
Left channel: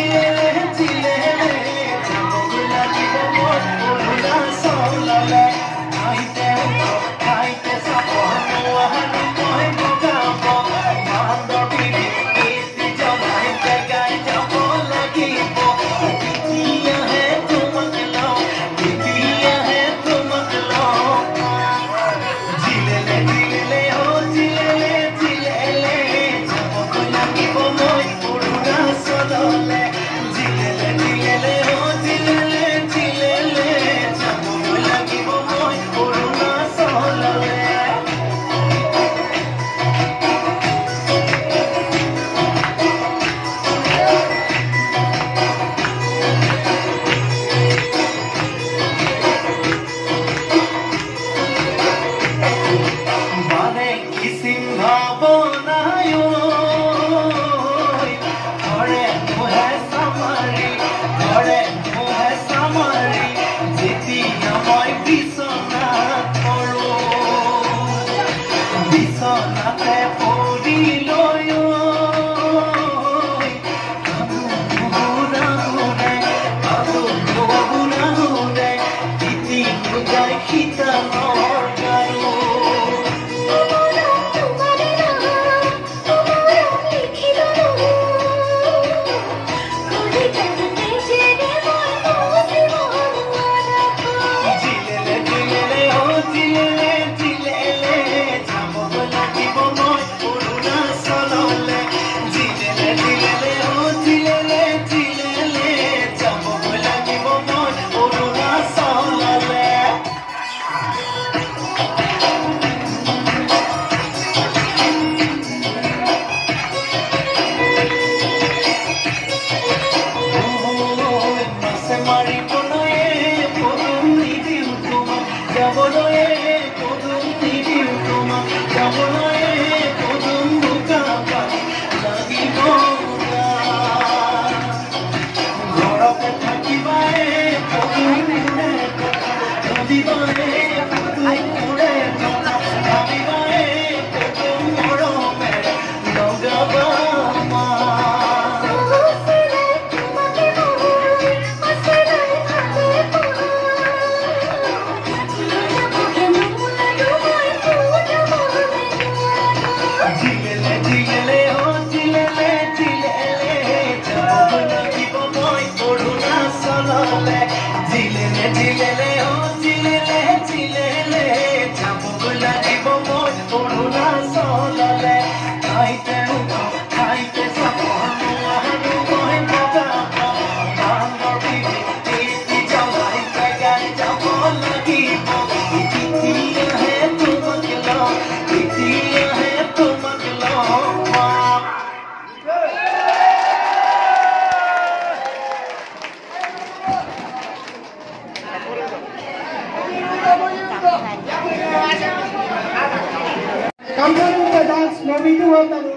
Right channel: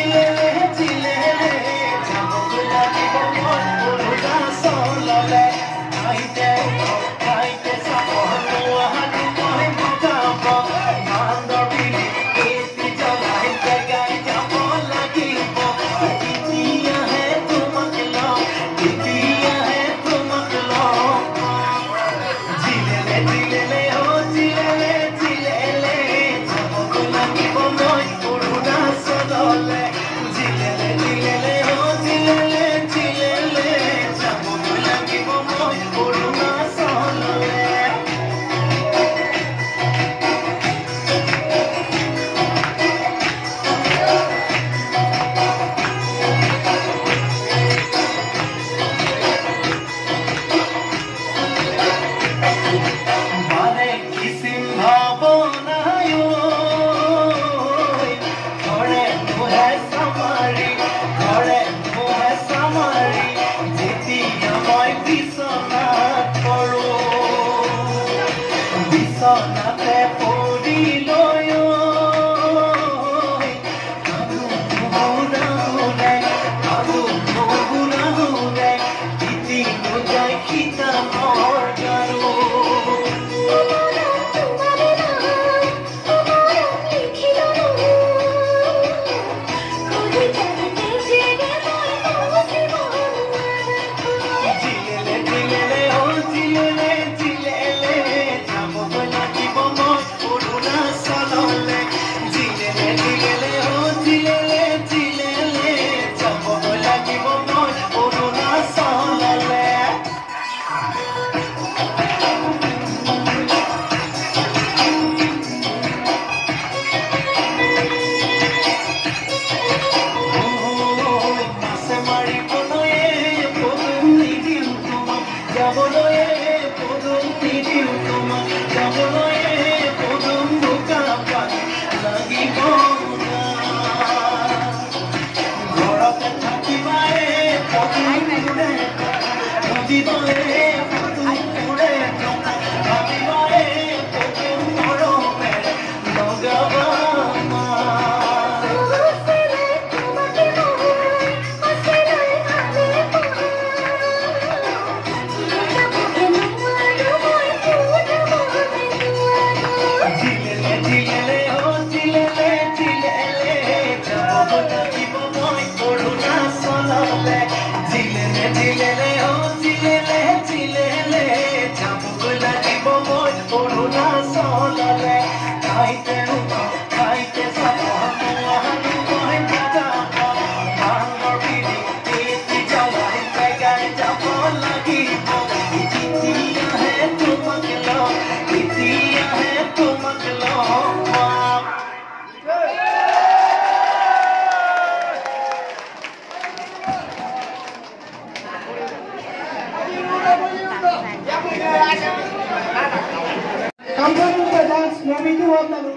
Kampung Pedans Mobitu Hotalu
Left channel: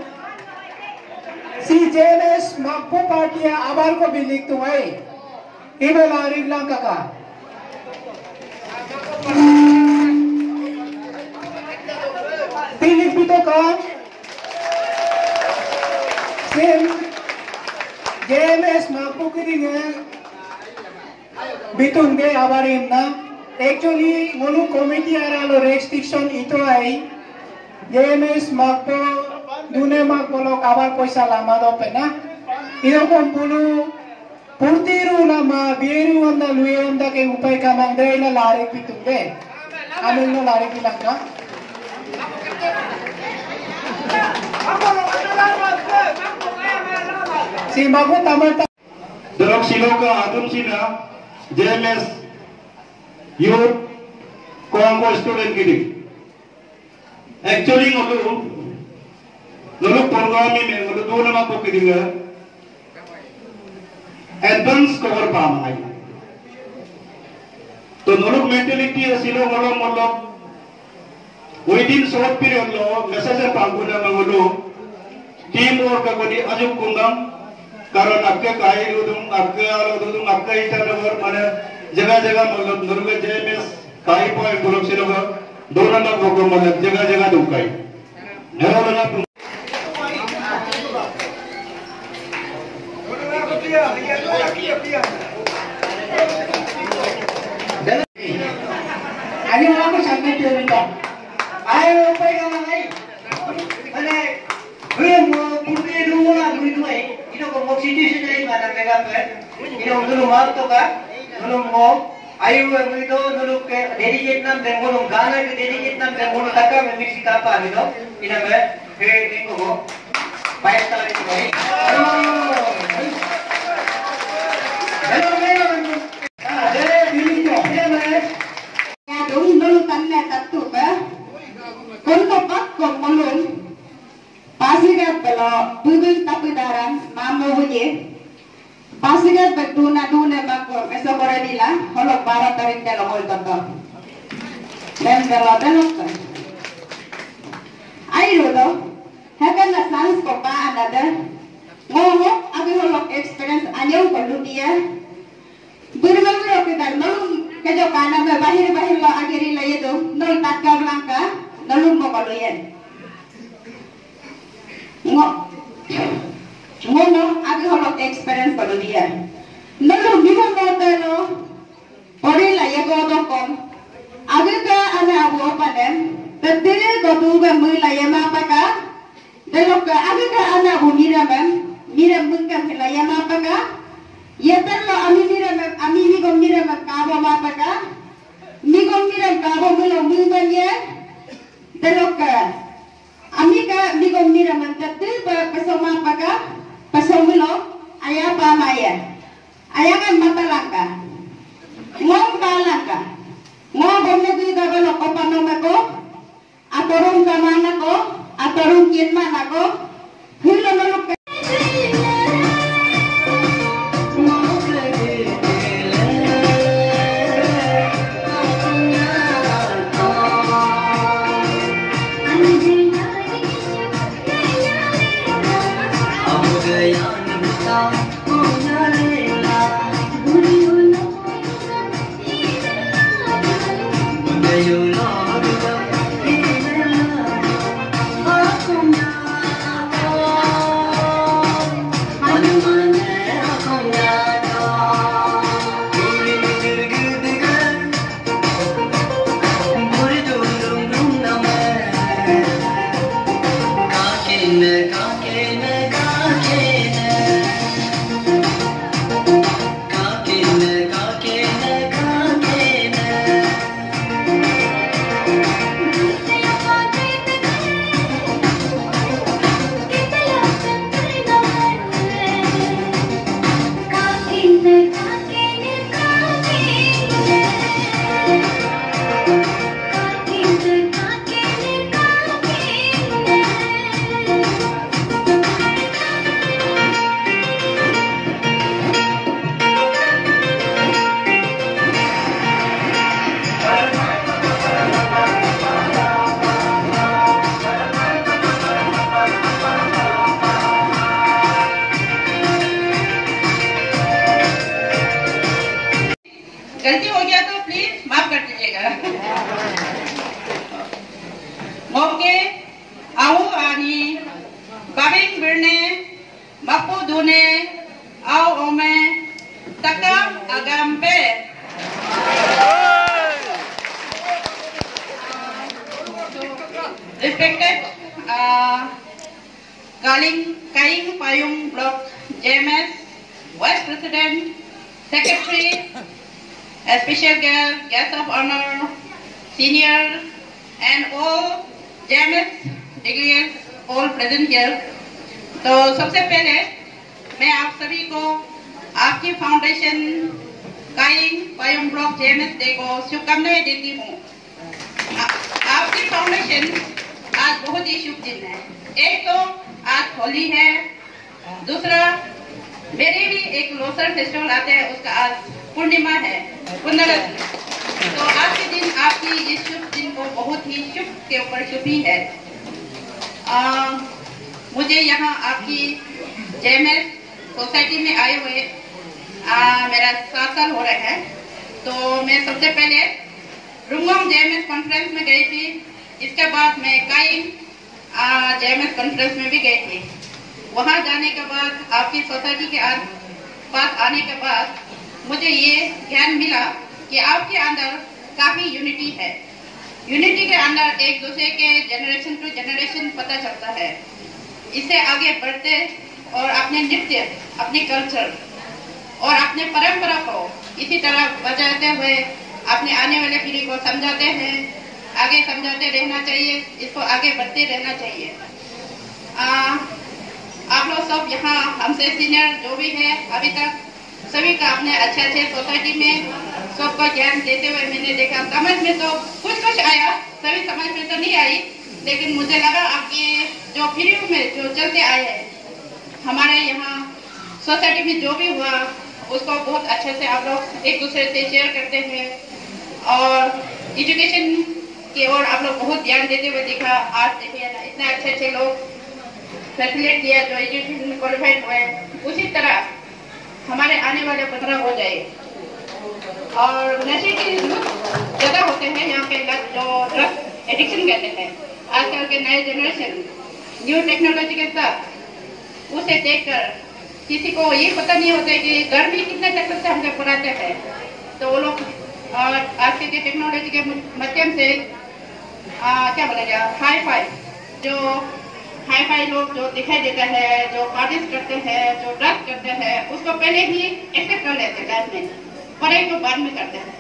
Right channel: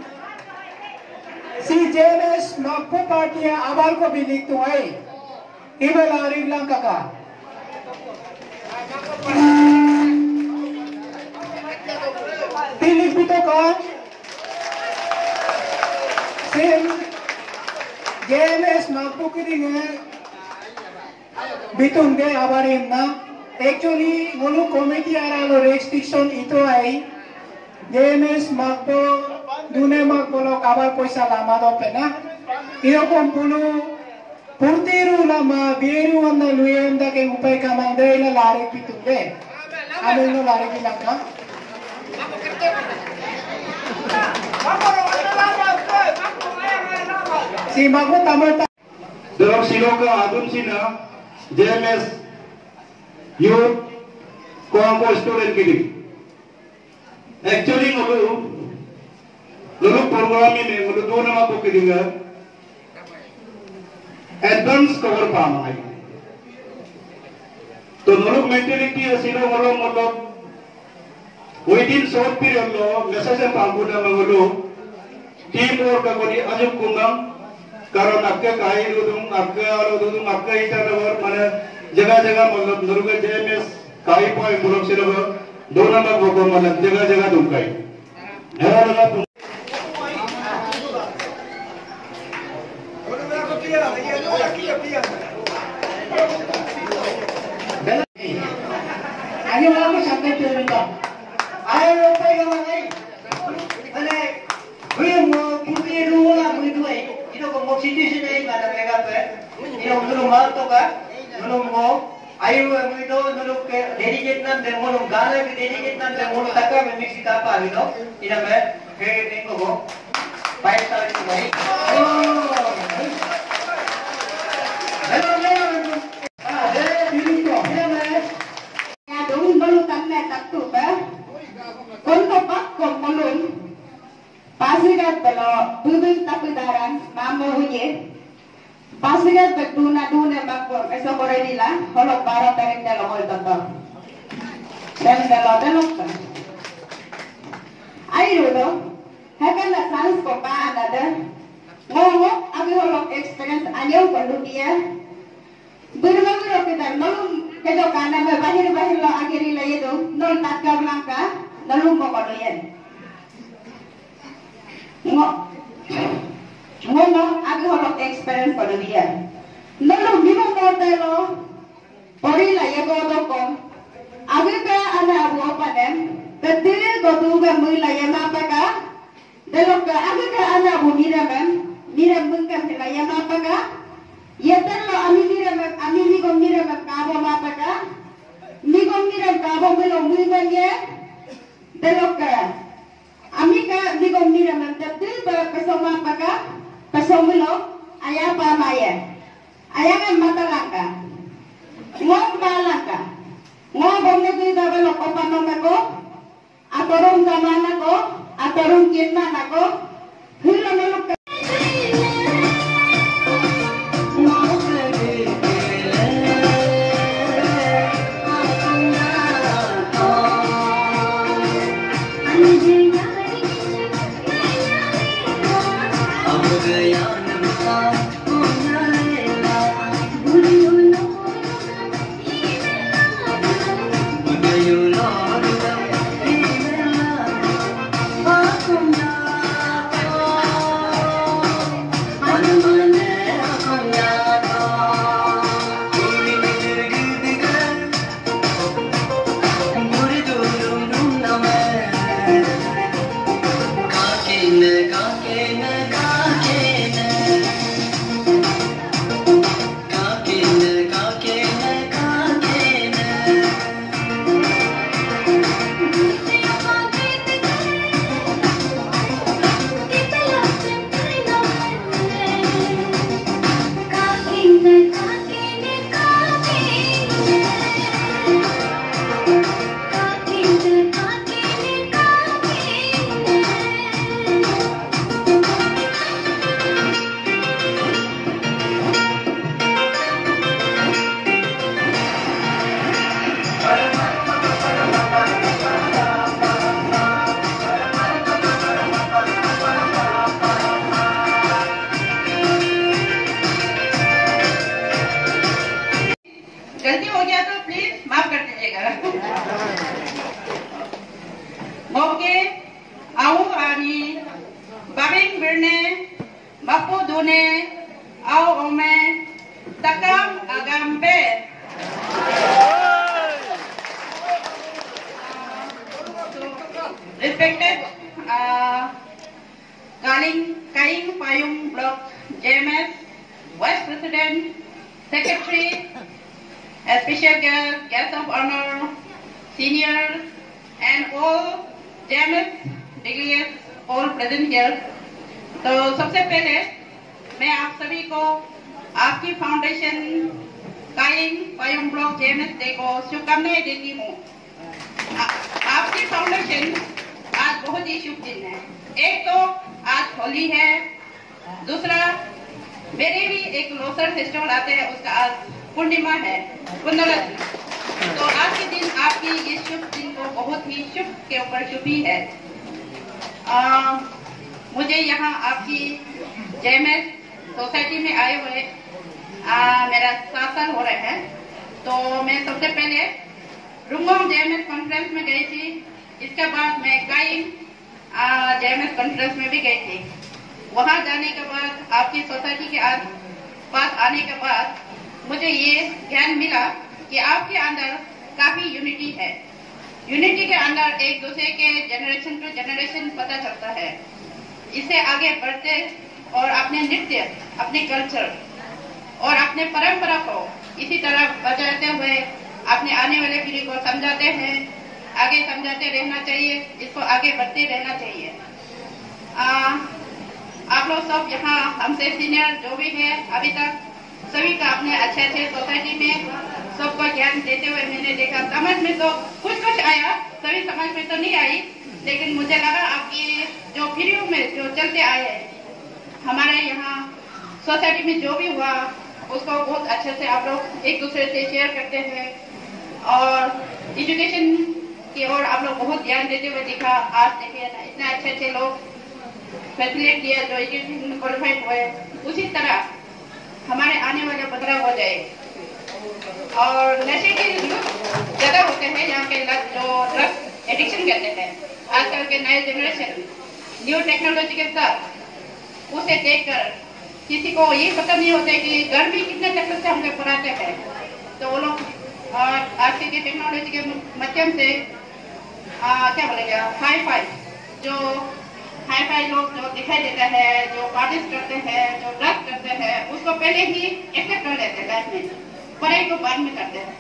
si JMS Magpo Partia Abal ko bilik tuai Ibe Larib lang kaka Pilik bito ka Sim JMS Magpo kiringe Bitun ge abarim na Actually mulu committee aralo restriction ito ay JMS Magpo dune Magpo lo kabar poisa lama do pena ino kompulu purtiru lama bieru anda luenda ke upai kamang de na lari pitunde anu no lari pilangka si Magpo tamarta Dorong siloka adun sina JMS youth combo student kini Actually, लोग प्रोग्राम में दो नमा को किधर advance cover palm आई तो लोग मेंटेलिटी ऐसी लोग within short period लो मैसेज पांगुना में टीम वर्क करी अजुब कुंदम कारण आपके काई लोग आपके इधर लोग माने जगह लोग JMS काई पॉइंट लोग सिर्फ दो नंबर को मतलब जगह दुकाई हेरा लगा ani wala ko sabi ko ayaw pa yung mga ano kuya mo puti wala mo ito ino ko mo situation na iba na mega pe ino tulong mo to ka tulong mo ayaw mo ito tulong ke dedicate nam demo ng gana ke dedicate nam demo ng taka me mix ka pa ino ina me he tingko ko bayad tayo ito ay Pasigat belo budul tapudaran mama huye pasigat betuna duna bakwa eso koredila holok bara tarin delo hol tonto dan belo delokta ayo do hakan na sans ko pa anada Ngomo abi holok experience anyau perlu dia. Bermegro kita nolum kejo kana me bahir lo agiri la yedo nol tatka blanca nolum mo kaloyen. Ngomo abi holok experience perlu dia. Nolum bibo modelo pori la yego dokom. Abi ka ana abu panen tadire godu be mui la yema paka. Delok ka abi ka ana abu miraman miram bungkam la yema paka. Yeter lo ami migom miram kabo ma paka. Migom miram kabo milo miman ye. Delok ka ami ka migom miram tadir ba pasoma paka. Pasomilo aya pa maya. Ayangan mata langka. Ngom balangka. Ngom bomne di dabelo kopanong ako. Atorong kamana ko. Atorong kinman ako. Hilo maluk ka. गलती हो गया तो प्लीज माफ कर दीजिएगा। मौके आओ आनी बाबिंग बिरने बापू धोने आओ ओमे तकम अगम्बे respected Kaing Payung Block JMS Vice President, Secretary, a special guest of honor, senior, and all JMS degrees all present here. तो सबसे पहले मैं आप सभी को आपकी फाउंडेशन काइंग पायुंग ब्लॉक JMS डे को शुभकामनाएं देती हूँ। आपकी फाउंडेशन आज बहुत ही शुभ दिन है। एक तो आज होली है, दूसरा मेरे भी एक लोसर फेस्टिवल आते हैं, उसका आज पूर्णिमा है, तो आज के दिन आपकी इस शुभ दिन को बहुत ही शुभ के ऊपर शुभ ही है। मुझे यहाँ आपकी JMS सोसाइटी में आए हुए मेरा 7 साल हो रहे हैं। तो मैं सबसे पहले रुंगोम JMS कॉन्फ्रेंस में गई थी, इसके बाद मैं काइंग JMS कॉन्फ्रेंस में भी गई थी। वहाँ जाने के बाद आपकी सोसाइटी के पास आने के बाद मुझे ये ज्ञान मिला कि आपके अंदर काफी यूनिटी है। यूनिटी के अंदर एक दूसरे के जनरेशन टू जनरेशन पता चलता है। इससे आगे बढ़ते और अपने नृत्य, अपने कल्चर और अपने परंपरा को इसी तरह बचाते हुए अपने आने वाले पीढ़ी को समझाते हैं, आगे समझाते रहना चाहिए, इसको आगे बढ़ते रहना चाहिए। आप लोग सब यहाँ हमसे सीनियर जो भी है अभी तक सभी का अपने अच्छे सोसाइटी में सबको ज्ञान देते हुए मैंने देखा। समझ में तो कुछ आया, सभी समझ में तो नहीं आई, लेकिन मुझे लगा आपकी जो पीढ़ी में जो चलते आए हैं हमारे यहाँ सोसाइटी में जो भी हुआ उसको बहुत अच्छे से आप लोग एक दूसरे से शेयर करते हैं और एजुकेशन की ओर आप लोग बहुत ध्यान देते हुए दिखा। आज देखिए ना इतने अच्छे लोग फैसिलिटेट किया, जो एजुकेशन में क्वालिफाइड हुए, उसी तरह हमारे आने वाले 15 हो जाए। और नशे के ज्यादा होते हैं यहाँ पे, जो ड्रग एडिक्शन कहते हैं, आजकल के नए जनरेशन न्यू टेक्नोलॉजी के साथ उसे देखकर किसी को ये पता नहीं होता है कि घर भी कितने तक से हम लोग पढ़ाते हैं, तो वो लोग आज के टेक्नोलॉजी के माध्यम से क्या बोलेगा, हाई फाई लोग जो दिखाई देता है, जो पार्टीज करते हैं, जो ड्रग्स करते हैं, उसको पहले ही एक्सेप्ट कर लेते हैं लाइफ में, पढ़ाई को बाद में करते हैं।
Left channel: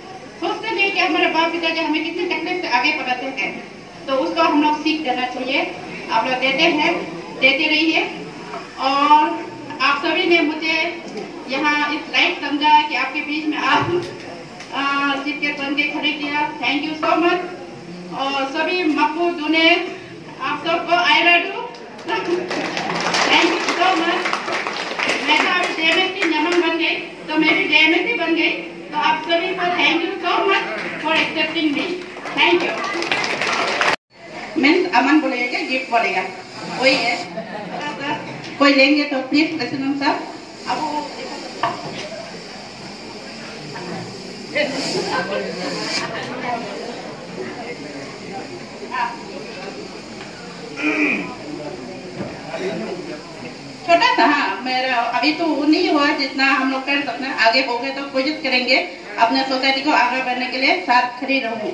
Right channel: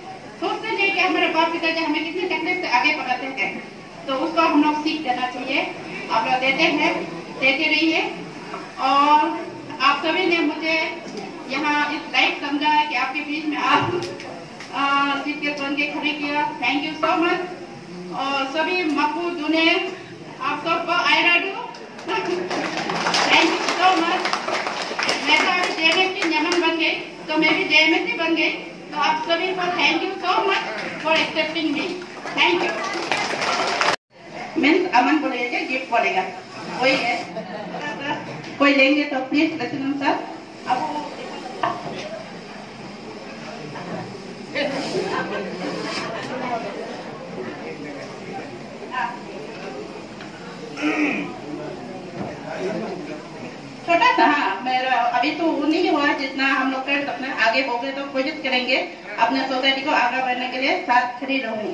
सोचते हैं कि हमारे बाप पिताजी हमें कितनी तकलीफ से आगे बढ़ाते हैं, तो उसको हम लोग सीख देना चाहिए। आप लोग देते हैं, देते रहिए। और आप सभी ने मुझे यहाँ इस लाइक समझा कि आपके बीच में आप जीत के बन के खड़े किया, थैंक यू सो मच। और सभी मकबूल दुने आप सबको I love you, thank you so much. मैं तो आप JMSC नमन बन गई, तो मैं भी JMSC बन गई, तो आप सभी को thank you so much for accepting me, thank you. Means Aman बोलेगा, जीत बोलेगा, वही है। कोई लेंगे तो प्लीज प्रेसिडेंट साहब अब छोटा सा, हाँ मेरा अभी तो वो नहीं हुआ जितना हम लोग कर सकते हैं, आगे हो गए तो कोशिश करेंगे अपने सोसाइटी को आगे बढ़ने के लिए साथ खड़े रहूं।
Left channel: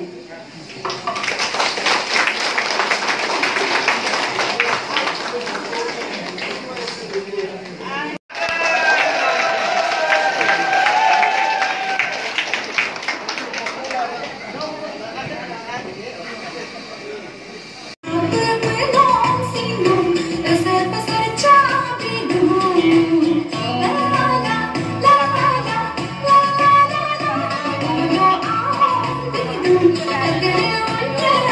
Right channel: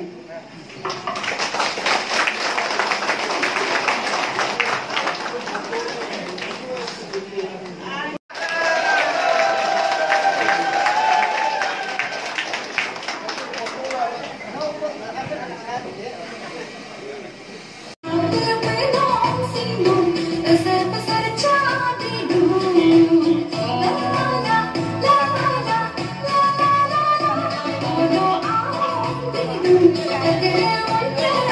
Again,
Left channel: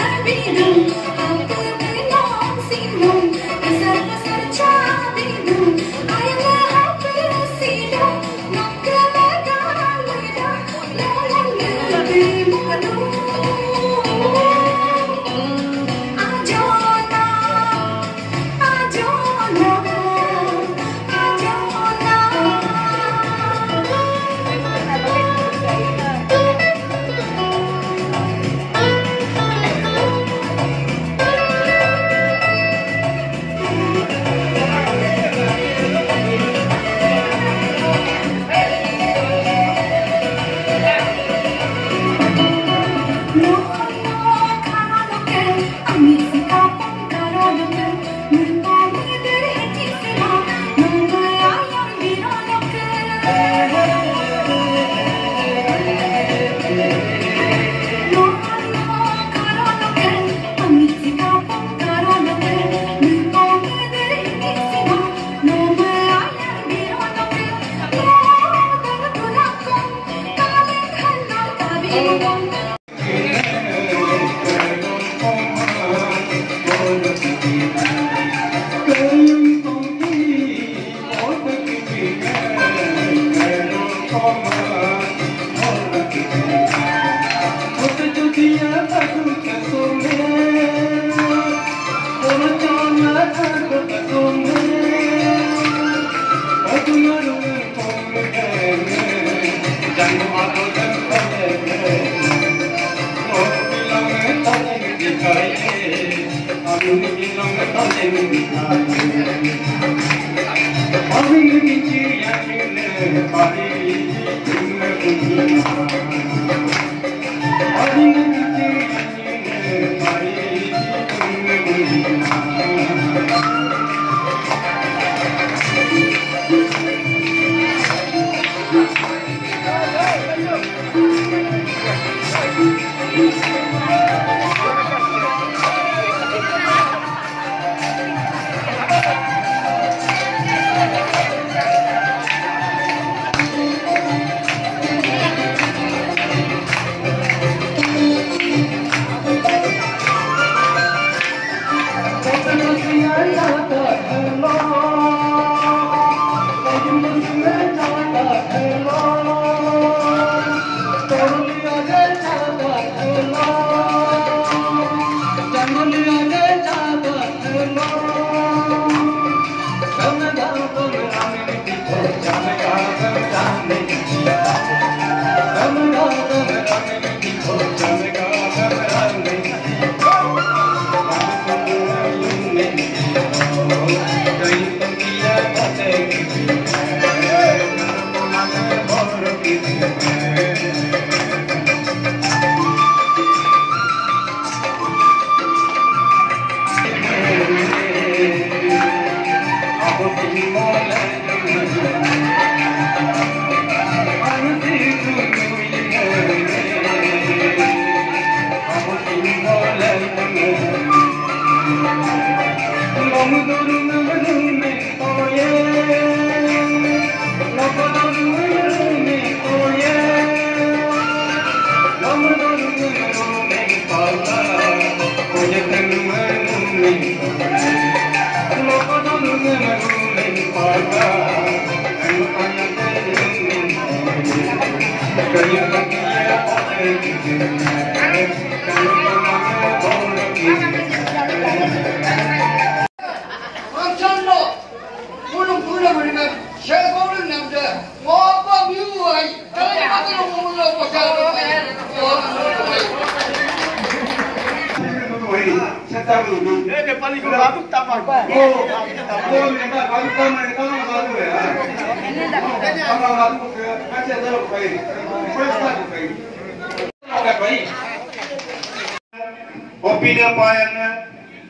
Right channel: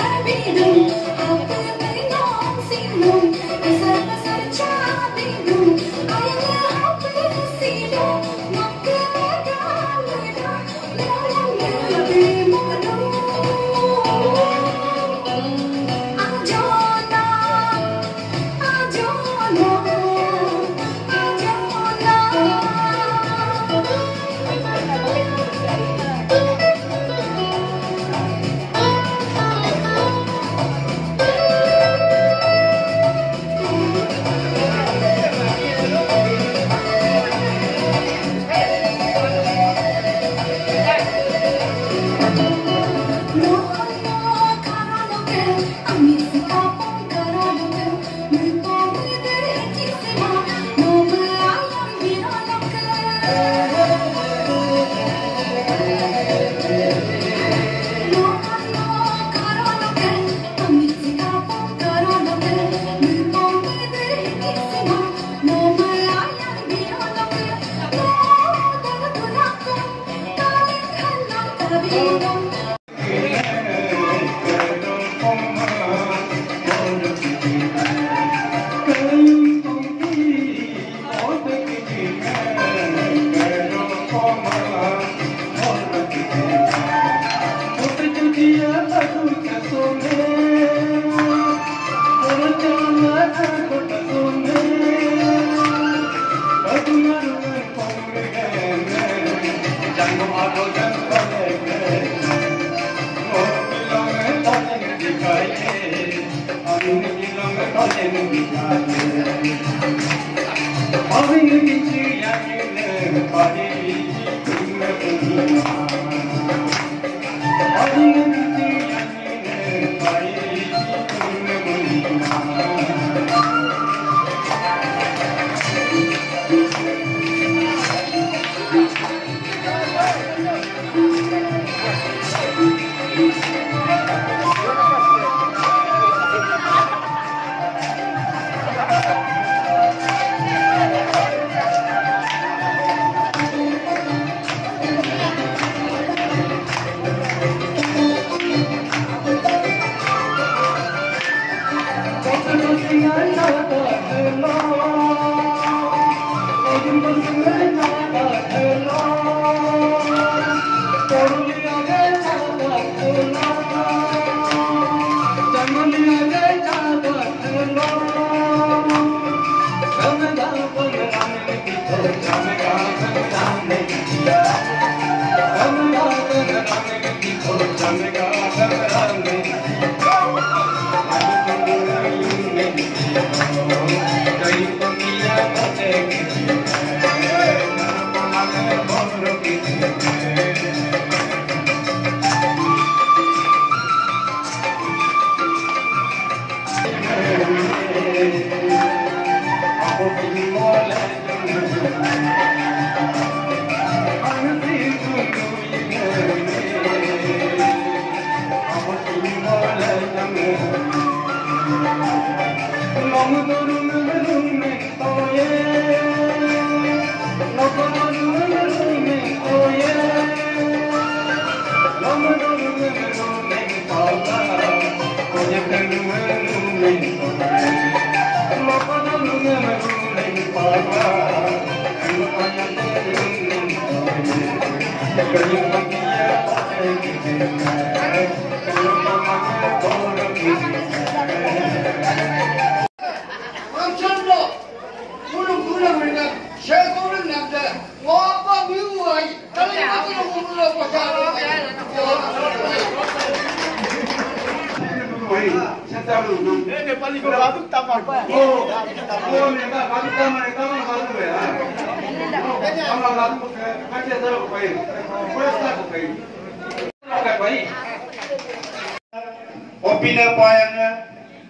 Opina payangnya,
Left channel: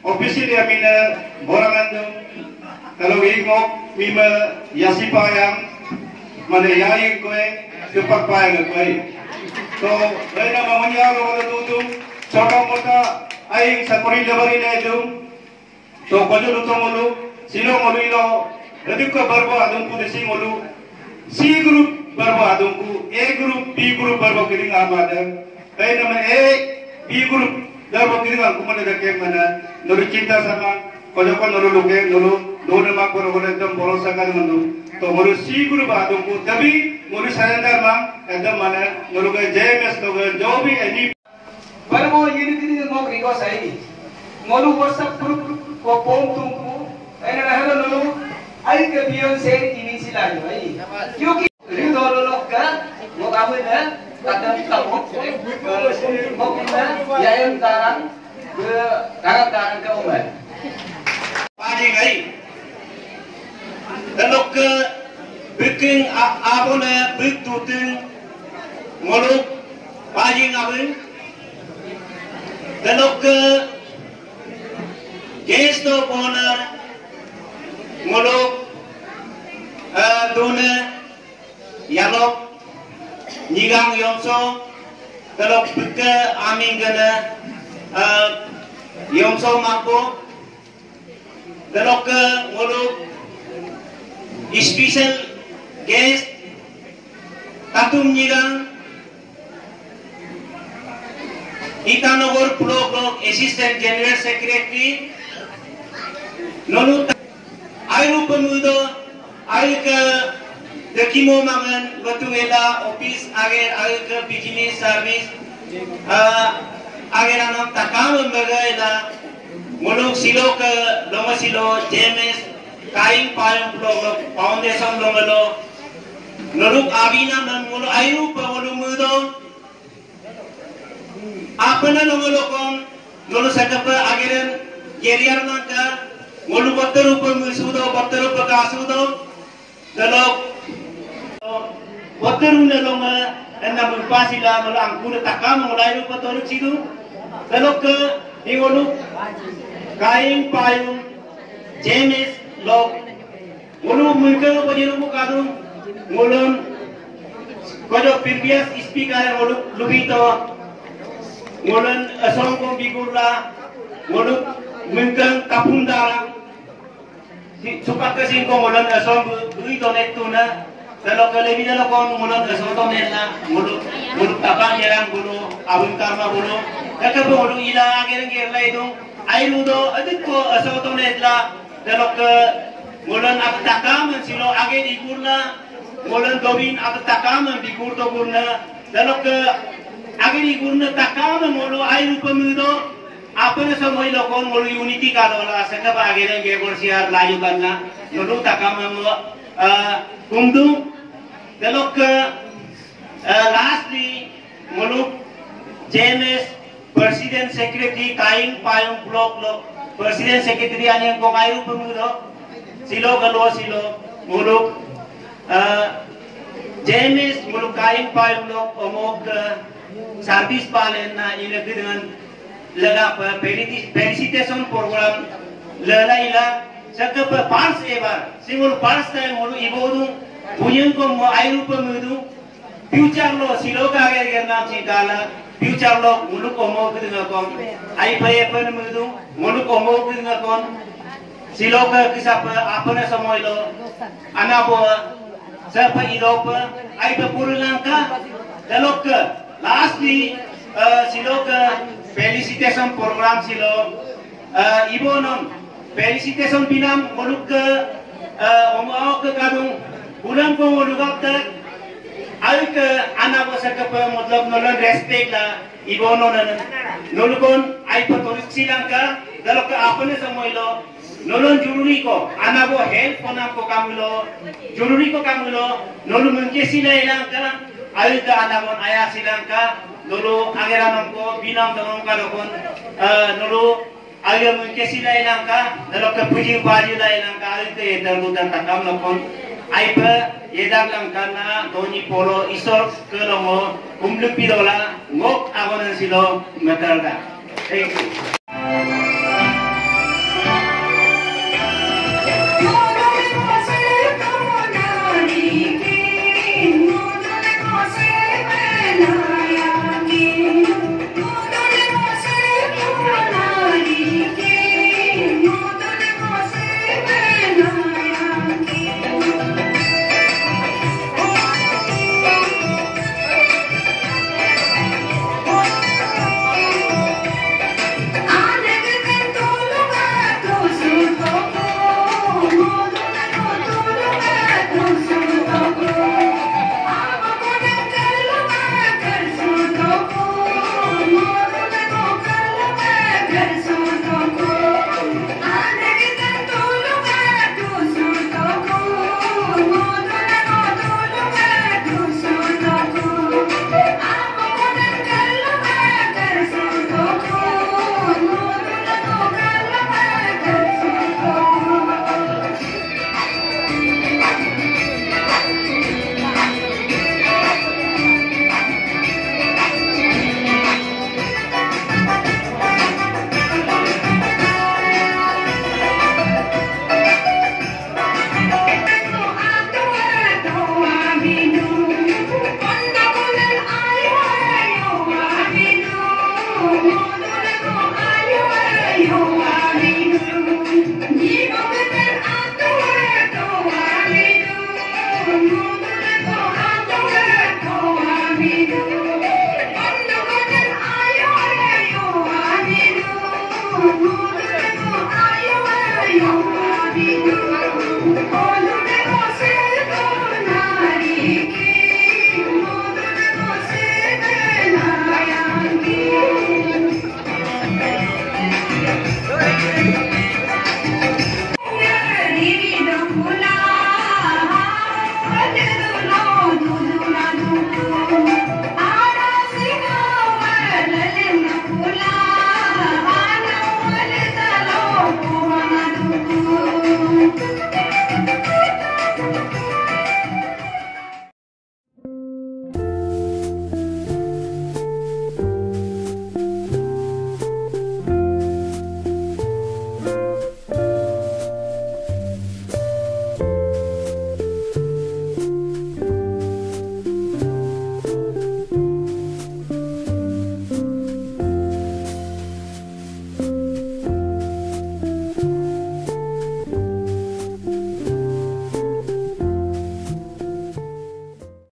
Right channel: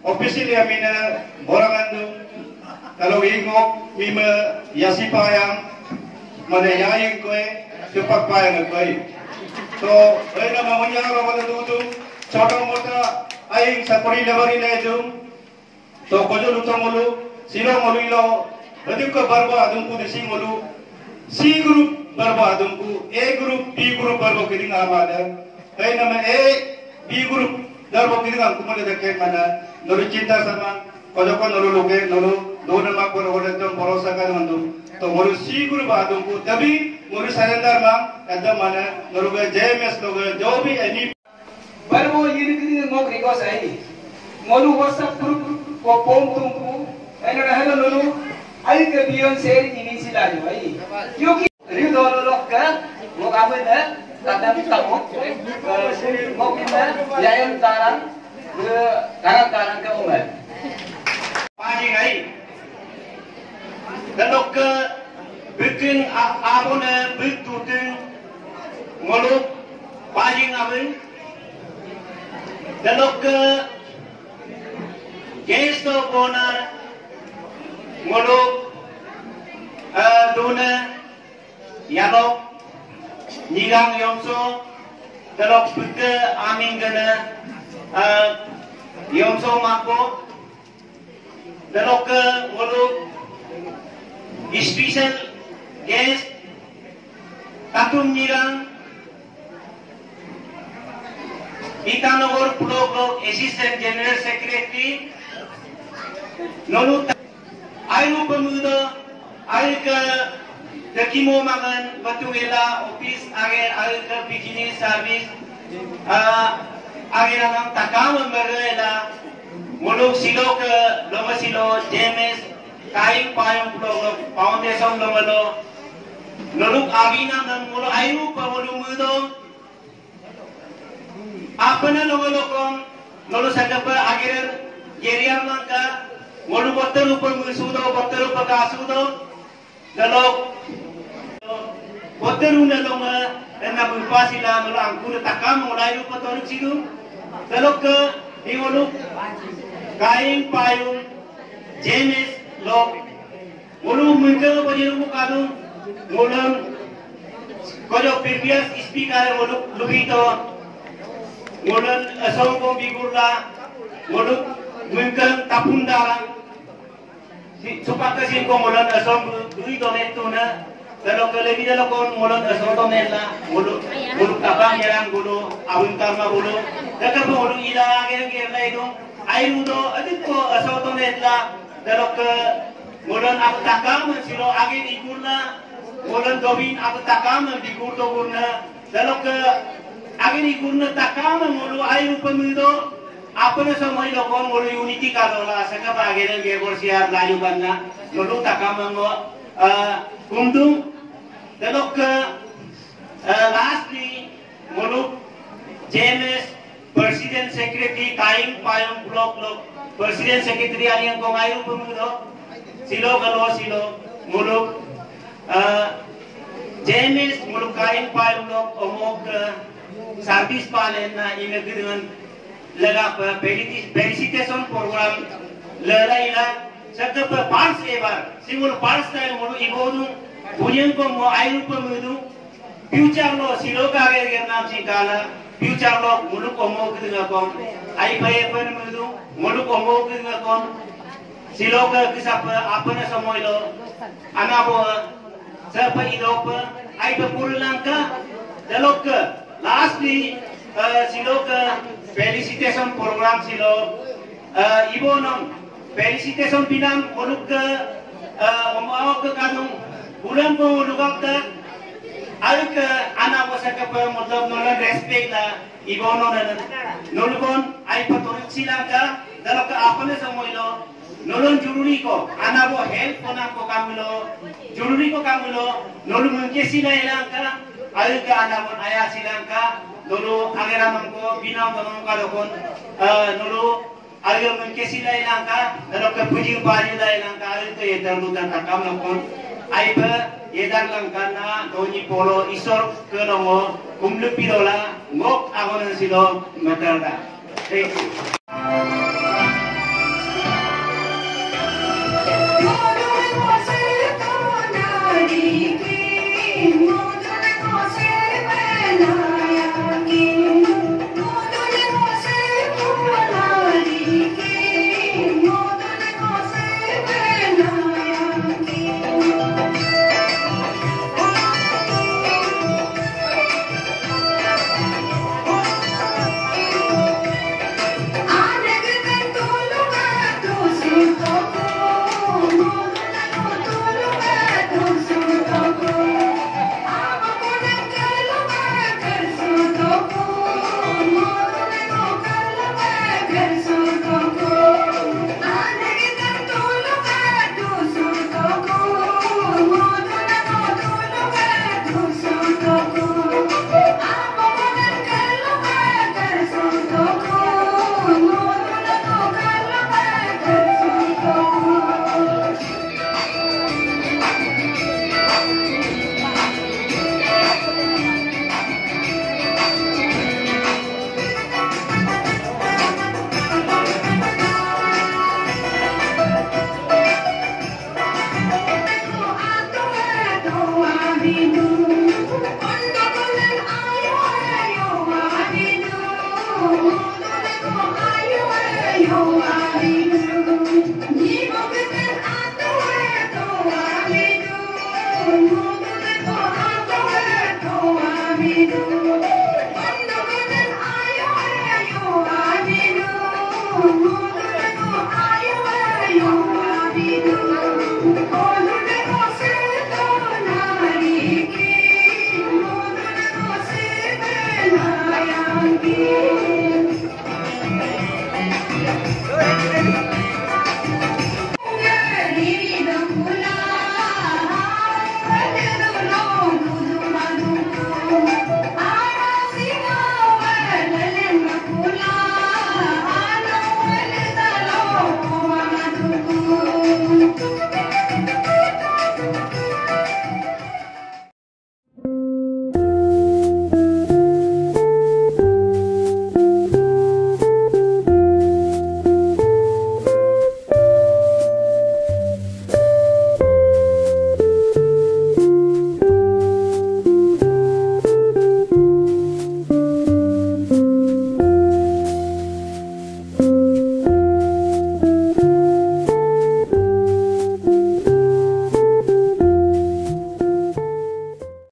officially amina borangandu. Kalau ingok mima yasi payang, mana yaing koe, cepat payang koe. So, rena mamanya lo pada tutu, छोटा मोटा आई सकरी डबरी ले जो तो बजो लुतो मोलू सिलो मोलू इलो रदिक को बर्बो आदम को देसी मोलू सी ग्रुप बर्बो आदम को ए ग्रुप बी ग्रुप बर्बो किरिंग आबादम कई नमे ए बी ग्रुप बर्बो किरिंग aku mana dekat mana nuru cinta sama kojoko nuru luke nuru dua nama poro poro एकदम भरोसा कर मंदु तो मोरू सी ग्रुप आदम को तभी मोरू सरेंडर मां एकदम mana नरू के जेएमएस लोग जो भी any Barbo ini mau ikut saya. Malu WhatsApp group ko pom tungku. Ene rahela lalu ai ke bion share ini silai bhai. क्योंकि रिउ दलो लोका लोग आवे ना kadang tamu mau kita yayan taran ke taran ke umar. Pagi ngai. Kalau ke bikin apa na bitutin malu pagi ngawen. Kalau ke guest of honor malu dona yalok nigang yomso kalau ke amin gana yomso mako kalau ke malu special guest tatum nigang Itanogor Blog Assistant General Secretary Nonu Ayu pemuda Ayu ke Dekimo Mangan Gotuela Office Agar Ayu ke Business Service Agar anak takam membaga Muluk silo ke Loma silo JMS Kain Payung Blog Foundation Lomalo Nuruk Abina Mulu Ayu pemuda आपने लोगों को लोगों से कब आगे गेरियर ना कर मोलू बत्तर ऊपर मिसूदो बत्तर ऊपर कासूदो लोग बत्तर उन्हें लोग ना मुल्पासिला लोग अंकुर तकाम मोलाई ऊपर तो रुचिदो लोग के ये मोलू कायम पायुं जेमेस लोग मोलू मुल्के ऊपर ये लोग कादुन Molu Kojo previous speaker Molu लुबीतो Mulan asal kau bigurla, mulut mungkin tapung darang. Supaya kesin kau mulan asal beri donet tu na, kalau kelebih dalam kau mulan asal donet na, mulut tapang yang mulut abun karma mulut. Jika kau mulut ida agen itu, air mudo adik kau asal donet la, kalau ke mulan apa takam silo agen ikurna, mulan gawin apa takam dikur tu kurna, kalau ke Agni guna takam mulu ayu pemido apa na semua lokon mulu unity kadola seka bagaian gebor siar layu banna mulu takam mulu kumdu Telok ke lastly muluk JMS President Secretary Kaing Payung Block lo President Secretary ani ko ngayon pumulo silo galo silo muluk JMS muluk Kaing Payung Block omog service palen na ilagay dengan laga felicitation program lalaila sakap pars ebar simul pars time mulu ibodu punyang ko mo ayu pumudu future lo silo ka ge nam singala future lo mulu ko mo gidna ko ai phaye pumudu mulu ko mo gidna ko silo ka kisap apna samoy lo ana bo sa pa ilop ai pa purulang ka dalok lastly silo ka felicitation program silo ibonom felicitation binam muluk ke omao ke kadung bulan ko muluk tak ay ke anak ko sa kapa मतलब nolon respect la ibono na nolokon ay patulog silang ka dalo ka apne samoy lo nolon jururi ko anak ko help ko na ko kamulo jururi ko kamulo nolon mungke sila ilang ka ay ka anak ko aya silang ka nolo ageranam ko binam tanong kalokon nolo agar mungkin sila ilang ka dalam kepujian baju la ilang ka itu edang lutan takam lakon aipa edang lang kana doni polo isor kerongo kumlu pirola ngok agonan silo matarda. Thank you. Thank you.